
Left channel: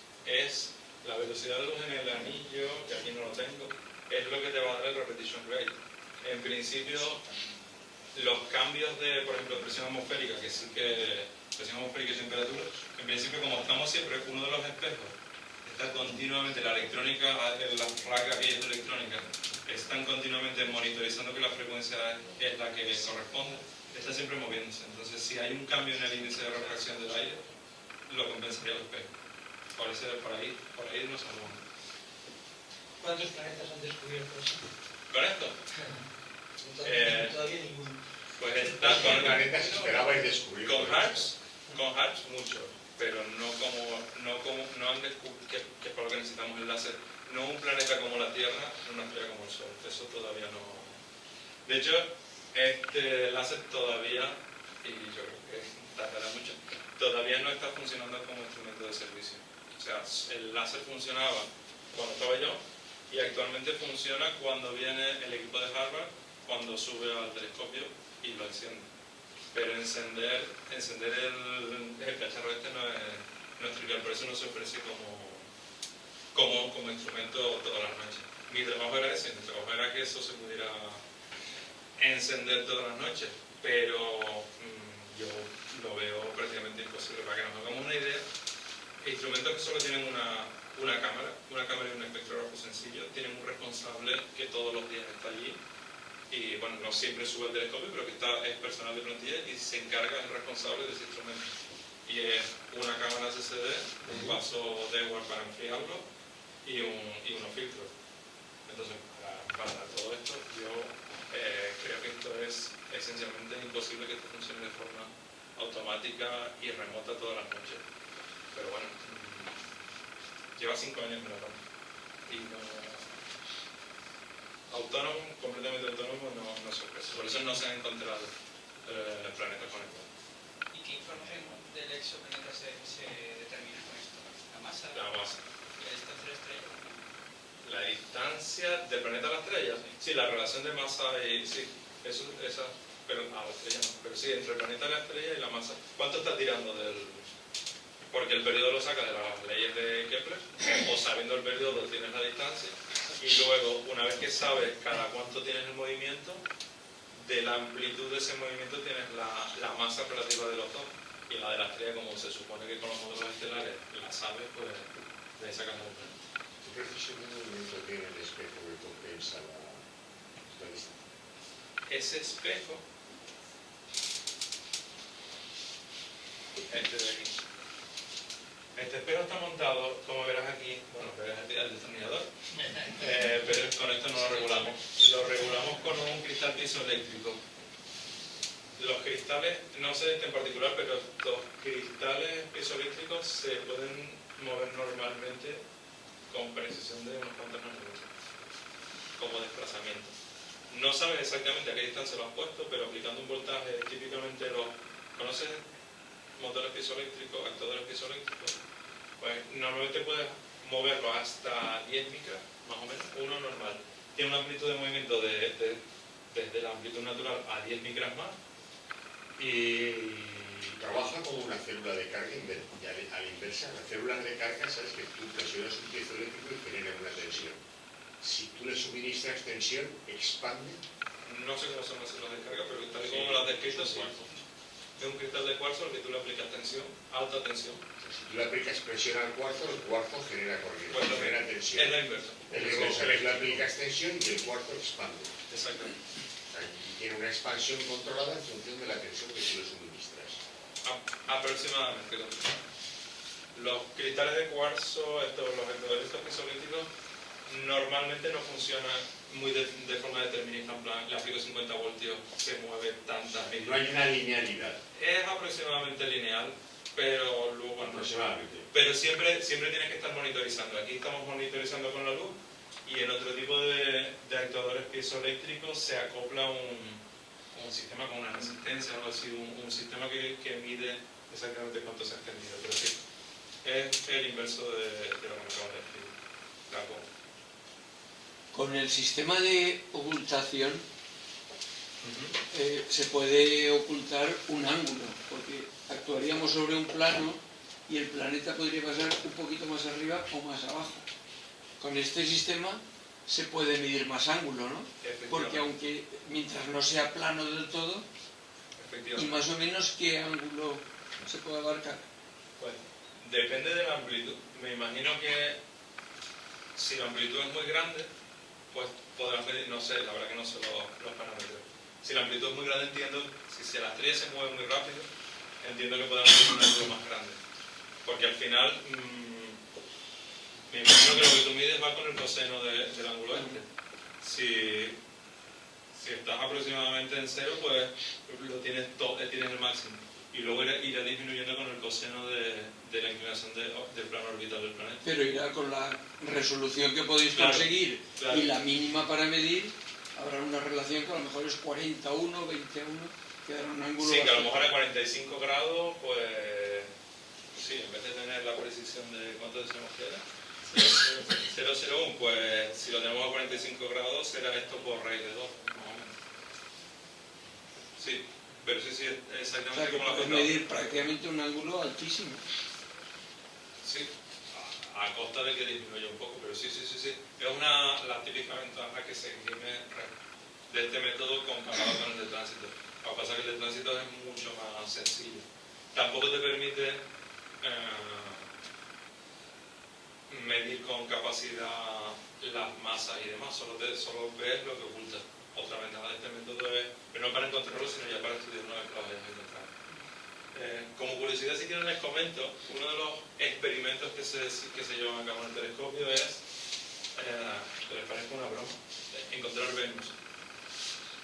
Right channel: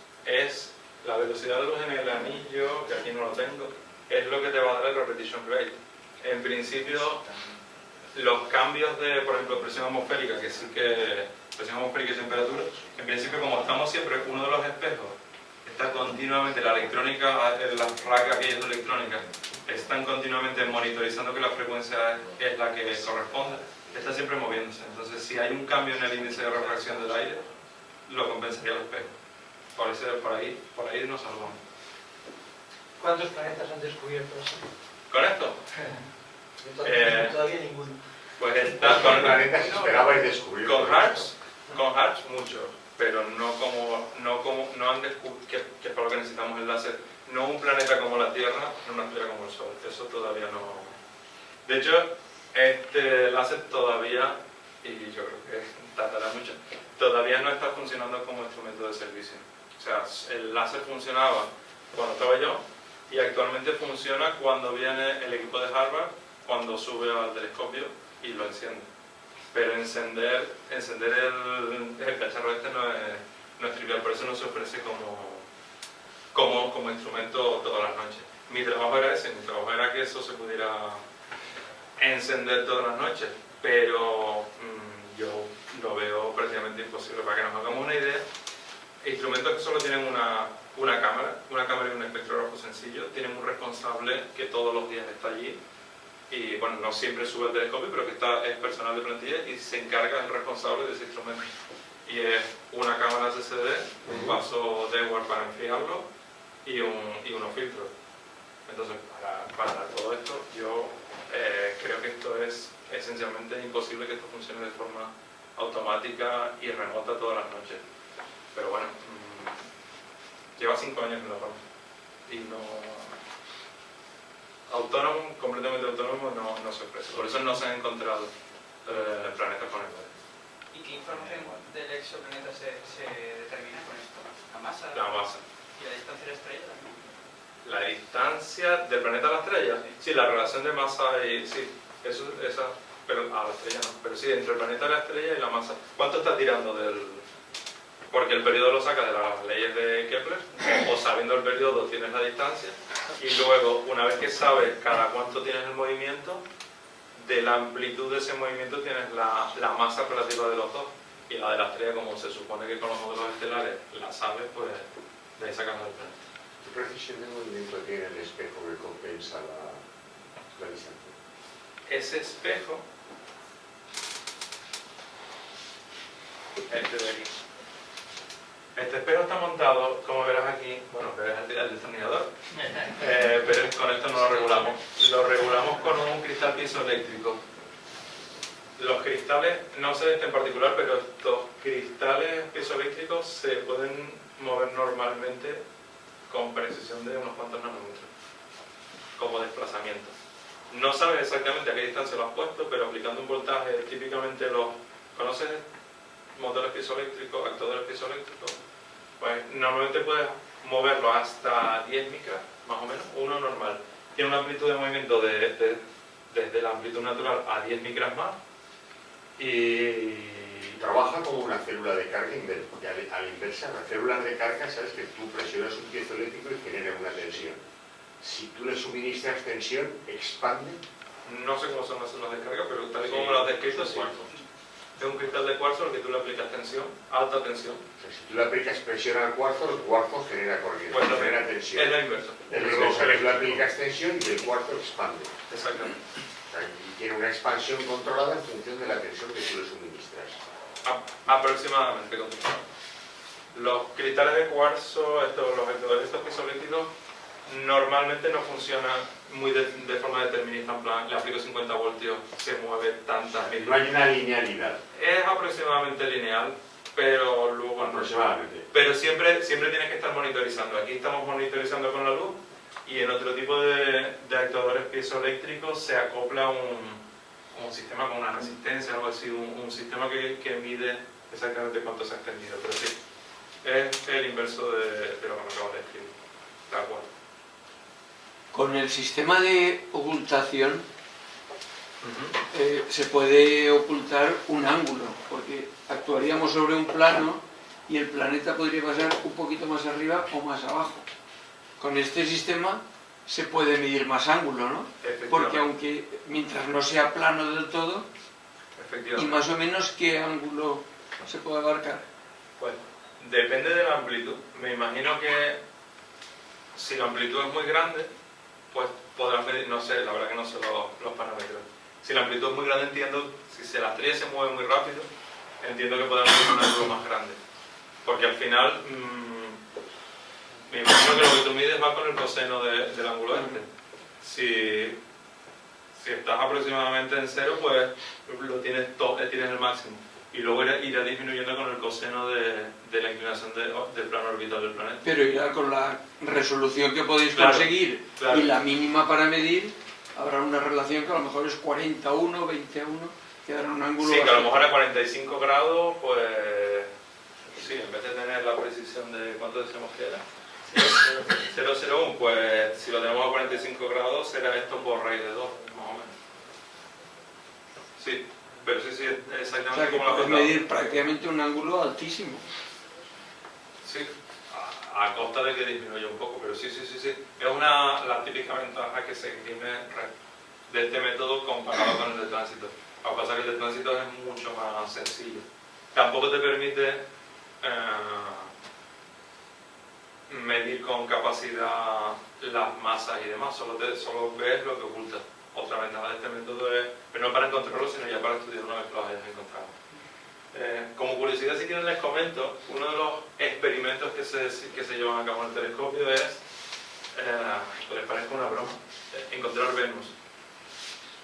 en el anillo, que aquí no lo tengo, es lo que te va a dar el repetition rate. En principio, los cambios de, por ejemplo, presión atmosférica, presión atmosférica y temperatura, en principio, como estamos siempre, uno de los espejos está continuamente, la electrónica, las racas que hay de electrónica, están continuamente monitorizando que la frecuencia es la que corresponde, está siempre moviéndose. Entonces, si hay un cambio en el índice de refracción del aire, lo compensaría el espejo. Por ahí nos salvamos. ¿Cuántos planetas han descubierto así? ¿Con esto? Todavía ninguno. Pues está ¿Cuántos planetas esperabais descubrir? con Harps muchos, pero no han descubierto, que es para lo que necesitamos el láser, no un planeta como la Tierra, no una estrella como el Sol, eso todavía no. De hecho, este láser todavía, y yo creo que tardará mucho, todavía no está funcionando como instrumento de servicio. O sea, el láser funcionaba cuando estaba yo y actualmente funciona cuando viene el equipo de Harvard, cuando sube al telescopio y lo enciende. Pero encender el cacharro este no es trivial, por eso no se ofrece como instrumento todas las noches. Mi trabajo era ese, mi trabajo era que eso se pudiera encender todas las noches, pero yo lo veo prácticamente imposible. Para que nos hagamos una idea, instrumentos que solo tienen una cámara y un espectrógrafo sencillo, tienen un responsable que todos los días está allí y bueno, no siempre sube el telescopio, pero que es personal de plantilla y se encarga el responsable de ese instrumento. Y es una cámara CCD, un vaso Dewar para enfriarlo y unos filtros. Entonces, para todo esto, yo creo que esto es esencialmente imposible que esto funcione de forma automática y remota todas las noches. Pero bueno, lleva 5 años en la mano y autónomo, completamente autónomo, no se ofrece. Por eso no se han encontrado planetas con el mar. ¿Y qué información del exoplaneta se determina con esto? ¿La masa? La masa. ¿Y la distancia de la estrella también? La distancia del planeta a la estrella, sí, la relación de masa y sí, esa, pero a la estrella no, pero sí, entre el planeta y la estrella y la masa. ¿Cuánto está tirando del...? Porque el periodo lo saca de las leyes de Kepler, o sabiendo el periodo tienes la distancia, y luego, una vez que sabes cada cuánto tienes el movimiento, de la amplitud de ese movimiento tienes la masa relativa de los dos, y la de la estrella, como se supone que con los modelos estelares la sabes, pues de ahí sacas el planeta. ¿Qué precisión de movimiento tiene el espejo que compensa la distancia? Ese espejo, este de aquí. Este espejo está montado, como verás aquí, bueno, verás el destornillador, pero con esto no lo regulamos. Lo regulamos con un cristal piezoeléctrico. Los cristales, no sé este en particular, pero estos cristales piezoeléctricos se pueden mover normalmente con precisión de unos cuantos nanómetros, como desplazamiento. No sabes exactamente a qué distancia lo has puesto, pero aplicando un voltaje, típicamente ¿conoces motores piezoeléctricos, actuadores piezoeléctricos? Pues normalmente puedes moverlo hasta 10 micras, más o menos, uno normal. Tiene una amplitud de movimiento desde la amplitud natural a 10 micras más y... Trabaja como una célula de carga a la inversa. Las células de carga, sabes que tú presionas un piezoeléctrico y generas una tensión. Si tú le suministras tensión, expande. No sé cómo son las células de carga, pero tal y como me lo has descrito, sí. Es un cristal de cuarzo al que tú le aplicas tensión, alta tensión. O sea, si tú le aplicas presión al cuarzo, el cuarzo genera corriente, Pues genera tensión. Es lo inverso. El inverso, tú le aplicas tensión y el cuarzo expande. Exactamente. O sea, y tiene una expansión controlada en función de la tensión que tú le suministras. Aproximadamente. Los cristales de cuarzo, los actuadores estos piezoeléctricos, normalmente no funcionan muy de forma determinista, en plan, le aplico 50 voltios, se mueve tantas mil. No hay una linealidad. Es aproximadamente lineal, pero luego no. Aproximadamente. Pero siempre tienes que estar monitorizando. Aquí estamos monitorizando con la luz y en otro tipo de actuadores piezoeléctricos se acopla un sistema con una resistencia, algo así, un sistema que mide exactamente cuánto se ha extendido. Pero sí, es el inverso de lo que me acabo de escribir. De acuerdo. Con el sistema de ocultación se puede ocultar un ángulo, porque actuaríamos sobre un plano y el planeta podría pasar un poquito más arriba o más abajo. Con este sistema se puede medir más ángulo, ¿no? Porque aunque mientras no sea plano del todo, y más o menos qué ángulo se puede abarcar. Pues depende de la amplitud. Me imagino que si la amplitud es muy grande, pues podrás medir, no sé, la verdad que no sé los parámetros. Si la amplitud es muy grande, entiendo, si la estrella se mueve muy rápido, entiendo que podrás medir un ángulo más grande. Porque al final, me imagino que lo que tú mides va con el coseno del ángulo este. Si estás aproximadamente en cero, pues tienes el máximo. Y luego irá disminuyendo con el coseno de la inclinación del plano orbital del planeta. Pero irá con la resolución que podéis Claro, conseguir claro. y la mínima para medir, habrá una relación que a lo mejor es 40:1, 20:1. quedar un ángulo... Sí, que a lo bastante- mejor a 45 grados, pues sí, en vez de tener la precisión de cuánto decimos que era, 0,01, pues si lo tenemos a 45 grados será esto por raíz de 2, más o menos. Sí, pero sí, O exactamente sea, que como lo has puedes contado. medir prácticamente un ángulo altísimo. Sí, a costa de que disminuya un poco, pero sí. Es la típica ventaja que se exprime de este método comparado con el de tránsito. Lo que pasa es que el de tránsito es mucho más sencillo. Tampoco te permite medir con capacidad las masas y demás, solo ves lo que oculta. Otra ventaja de este método es, pero no para encontrarlo, sino ya para estudiar una vez que lo hayas encontrado. Como curiosidad, si quieren les comento, uno de los experimentos que se llevan a cabo en el telescopio es, que les parezca una broma, encontrar Venus.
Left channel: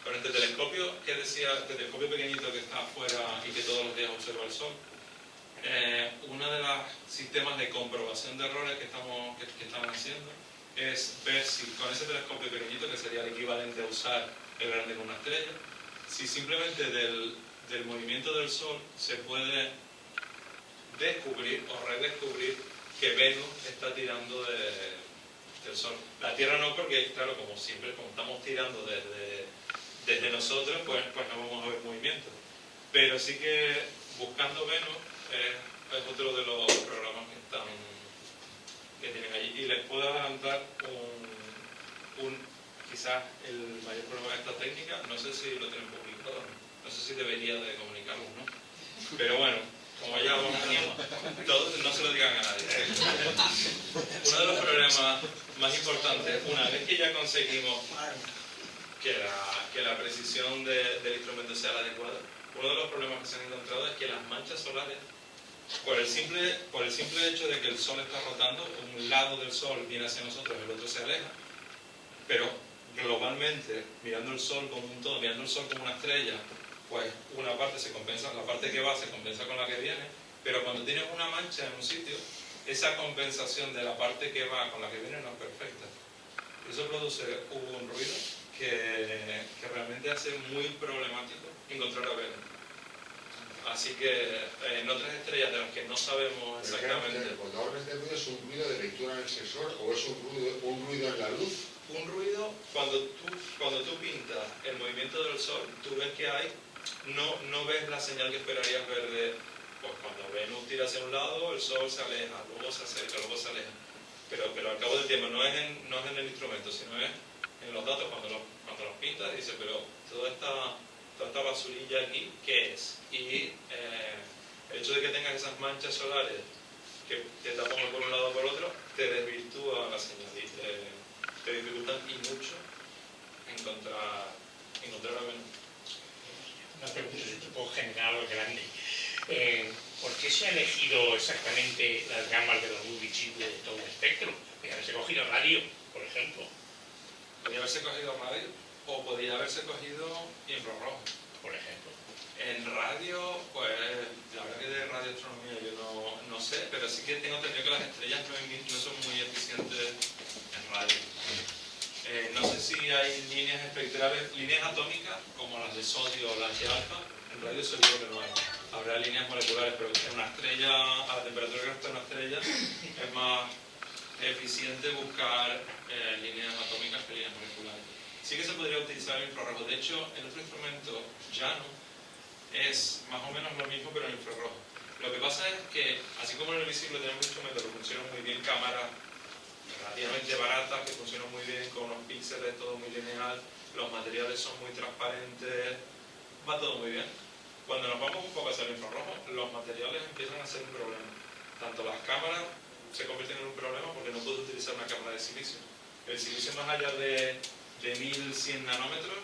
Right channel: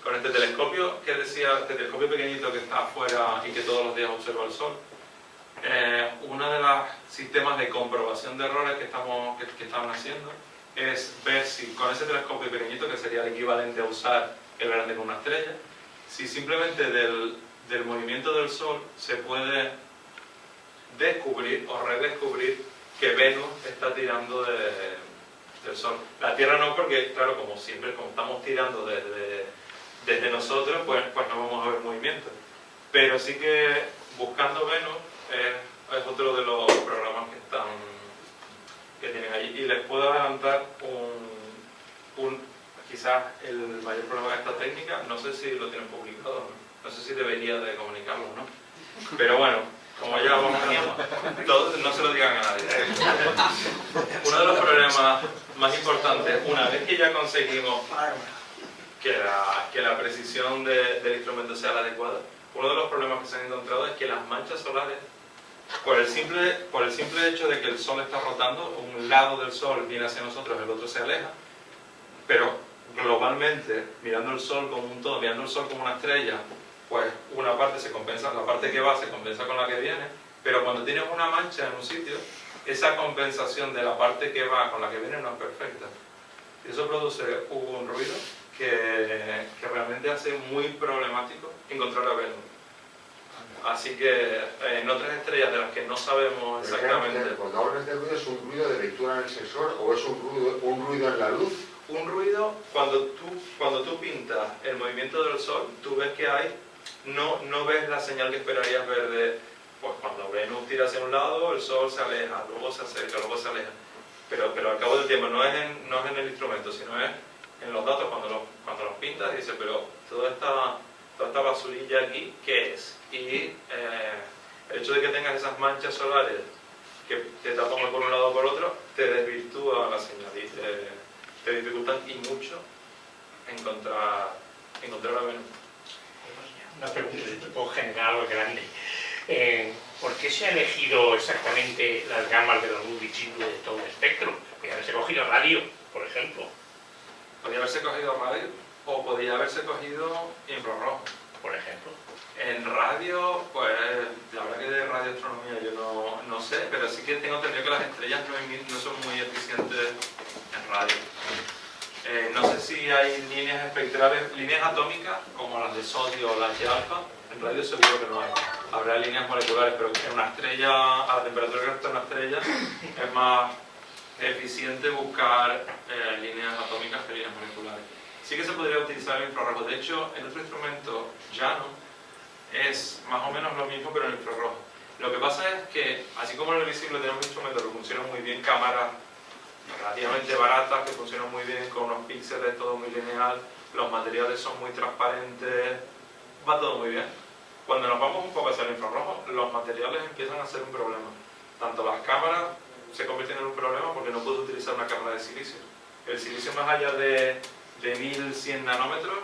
Con este telescopio, que decía, este telescopio pequeñito que está afuera y que todos los días observa el Sol, uno de los sistemas de comprobación de errores que estaban haciendo es ver si con ese telescopio pequeñito, que sería el equivalente a usar el grande con una estrella, si simplemente del movimiento del Sol se puede descubrir o redescubrir que Venus está tirando del Sol. La Tierra no, porque claro, como siempre, como estamos tirando desde nosotros, pues no vamos a ver movimiento. Pero sí que buscando Venus es otro de los programas que tienen allí. Y les puedo adelantar quizás el mayor problema de esta técnica, no sé si lo tienen publicado, no sé si debería de comunicarlo, ¿no? Pero bueno, como ya vamos a... Todos, no se lo digan a nadie. Uno de los problemas más importantes, una vez que ya conseguimos que la precisión del instrumento sea la adecuada, uno de los problemas que se han encontrado es que las manchas solares, por el simple hecho de que el Sol está rotando, un lado del Sol viene hacia nosotros, el otro se aleja, pero globalmente, mirando el Sol como un todo, mirando el Sol como una estrella, pues una parte se compensa, la parte que va se compensa con la que viene, pero cuando tienes una mancha en un sitio, esa compensación de la parte que va con la que viene no es perfecta. Y eso produce un ruido que realmente hace muy problemático encontrar a Venus. Así que en otras estrellas de las que no sabemos exactamente... Cuando hablas de ruido, ¿es un ruido de lectura en el sensor o es un ruido en la luz? Un ruido, cuando tú pintas el movimiento del Sol, tú ves que hay, no ves la señal que esperarías ver de, pues cuando Venus tira hacia un lado, el Sol se aleja, luego se acerca, luego se aleja. Pero al cabo del tiempo no es en el instrumento, sino es en los datos cuando los pintas y dices, pero toda esta basurilla aquí, ¿qué es? Y el hecho de que tengas esas manchas solares que te tapan por un lado o por otro, te desvirtúa la señal y te dificultan y mucho encontrar a Venus. Una pregunta de tipo general o grande. ¿Por qué se ha elegido exactamente las gamas de la luz visible de todo el espectro? Podría haberse cogido radio, por ejemplo. Podría haberse cogido radio o podría haberse cogido infrarrojo. Por ejemplo. En radio, pues la verdad que de radioastronomía yo no sé, pero sí que tengo entendido que las estrellas no son muy eficientes en radio. No sé si hay líneas espectrales, líneas atómicas como las de sodio o las de alfa, en radio seguro que no hay. Habrá líneas moleculares, pero en una estrella, a la temperatura que está una estrella, es más eficiente buscar líneas atómicas que líneas moleculares. Sí que se podría utilizar el infrarrojo. De hecho, en otro instrumento llano es más o menos lo mismo, pero en infrarrojo. Lo que pasa es que, así como en el visible tenemos instrumentos que funcionan muy bien, cámaras relativamente baratas, que funcionan muy bien con unos píxeles, todo muy lineal, los materiales son muy transparentes, va todo muy bien. Cuando nos vamos un poco hacia el infrarrojo, los materiales empiezan a ser un problema. Tanto las cámaras se convierten en un problema porque no puedo utilizar una cámara de silicio. El silicio más allá de 1100 nanómetros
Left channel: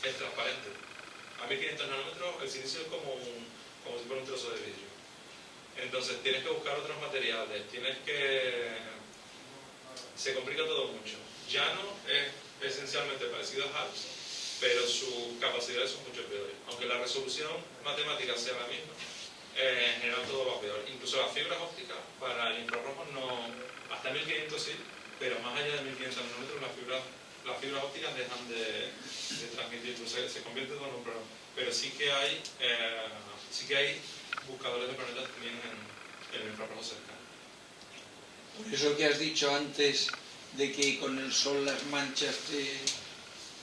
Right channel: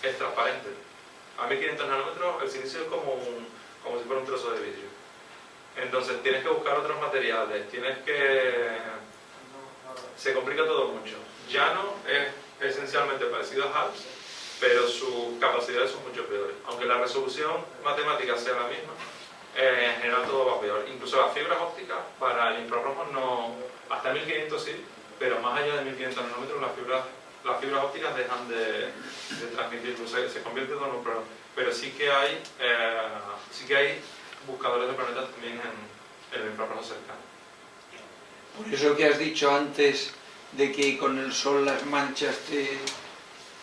es transparente. A 1500 nanómetros el silicio es como si fuera un trozo de vidrio. Entonces tienes que buscar otros materiales, se complica todo mucho. Llano es esencialmente parecido a HALS, pero sus capacidades son mucho peores. Aunque la resolución matemática sea la misma, en general todo va peor. Incluso las fibras ópticas para el infrarrojo no, hasta 1500 sí, pero más allá de 1500 nanómetros las fibras ópticas dejan de transmitir, se convierte todo en un problema. pero sí que hay buscadores de planetas también en el infrarrojo cercano. Por eso que has dicho antes de que con el Sol las manchas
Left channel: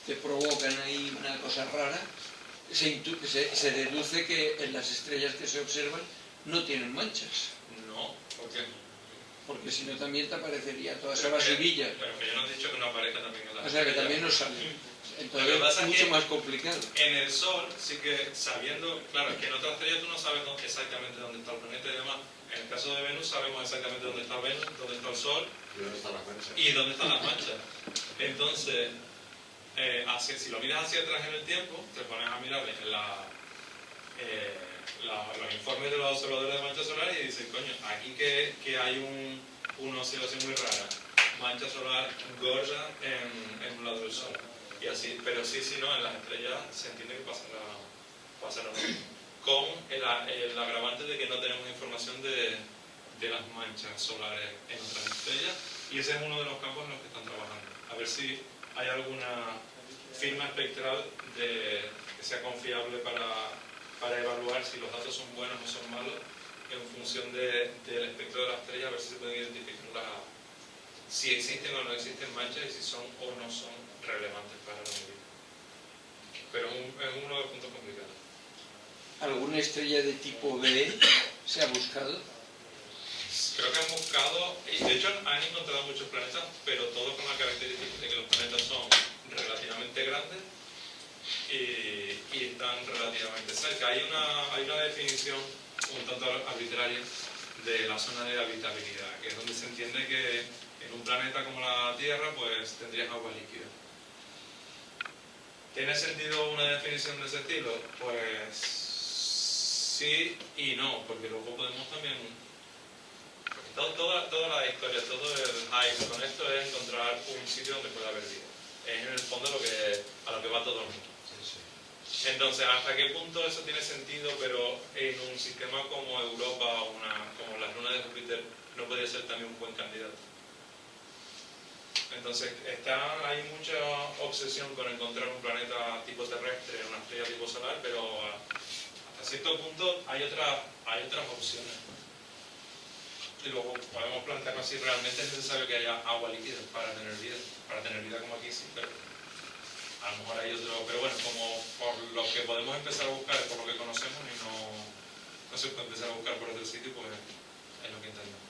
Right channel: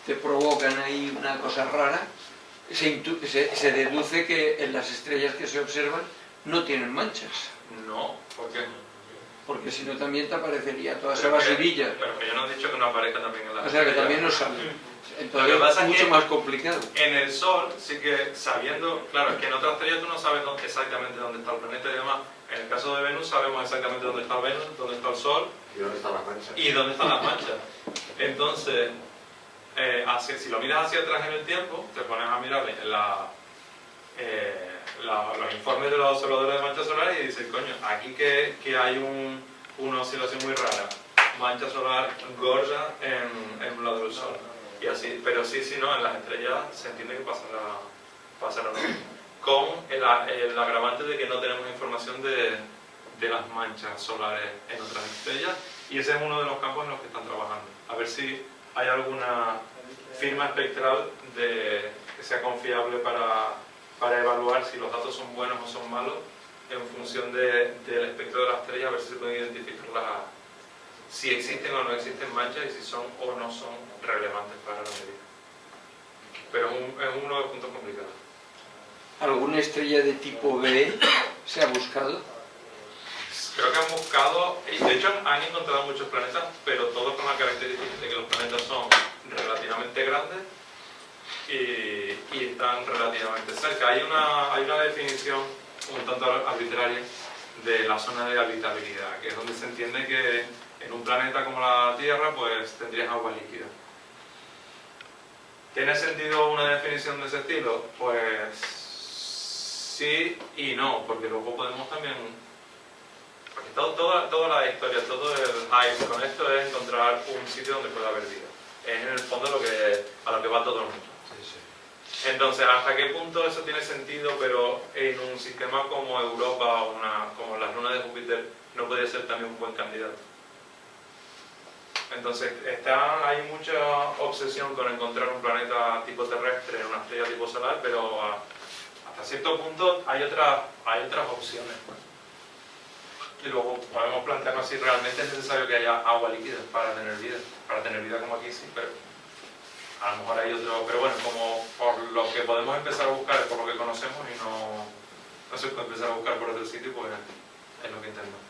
te provocan ahí una cosa rara, se deduce que en las estrellas que se observan no tienen manchas, No, ¿por qué? porque si no también te aparecería toda esa Pero que- basurilla. Pero que yo no he dicho que no aparezca también en las O sea que estrellas. también nos sale. Lo Entonces que pasa es es mucho que- más complicado. En el Sol, sí que sabiendo, claro, es que en otras estrellas tú no sabes exactamente dónde está el planeta y demás. En el caso de Venus sabemos exactamente dónde está Venus, dónde está el Sol ¿Y dónde están las manchas? y dónde están las manchas. Entonces, si lo miras hacia atrás en el tiempo, te pones a mirar los informes de los observadores de manchas solares y dices, coño, aquí que hay una oscilación muy rara, mancha solar gorda en un lado del Sol. Y así, pero sí, no, en las estrellas se entiende que pasará lo mismo. Con el agravante de que no tenemos información de las manchas solares en otras estrellas, y ese es uno de los campos en los que están trabajando. A ver si hay alguna firma espectral que sea confiable para evaluar si los datos son buenos o son malos en función del espectro de la estrella, a ver si se pueden identificar si existen o no existen manchas y si son o no son relevantes para la medida. Pero es uno de los puntos complicados. ¿Alguna estrella de tipo B se ha buscado? Creo que han buscado, y de hecho han encontrado muchos planetas, pero todos con la característica de que los planetas son relativamente grandes y están relativamente cerca. Hay una definición un tanto arbitraria de la zona de habitabilidad, que es donde se entiende que en un planeta como la Tierra pues tendrías agua líquida. ¿Tiene sentido una definición de ese estilo? Pues sí y no, porque luego podemos también... Porque toda la historia, todo el hype con esto es encontrar un sitio donde pueda haber vida. Es en el fondo a lo que va todo el mundo. Entonces, ¿hasta qué punto eso tiene sentido, pero en un sistema como Europa o como las lunas de Júpiter no podría ser también un buen candidato? Entonces, hay mucha obsesión con encontrar un planeta tipo terrestre en una estrella tipo solar, pero hasta cierto punto hay otras opciones. Y luego podemos plantearnos si realmente es necesario que haya agua líquida para tener vida. Para tener vida como aquí sí, pero a lo mejor hay otro... Pero bueno, como por lo que podemos empezar a buscar es por lo que conocemos y no se puede empezar a buscar por otro sitio, pues es lo que intentamos.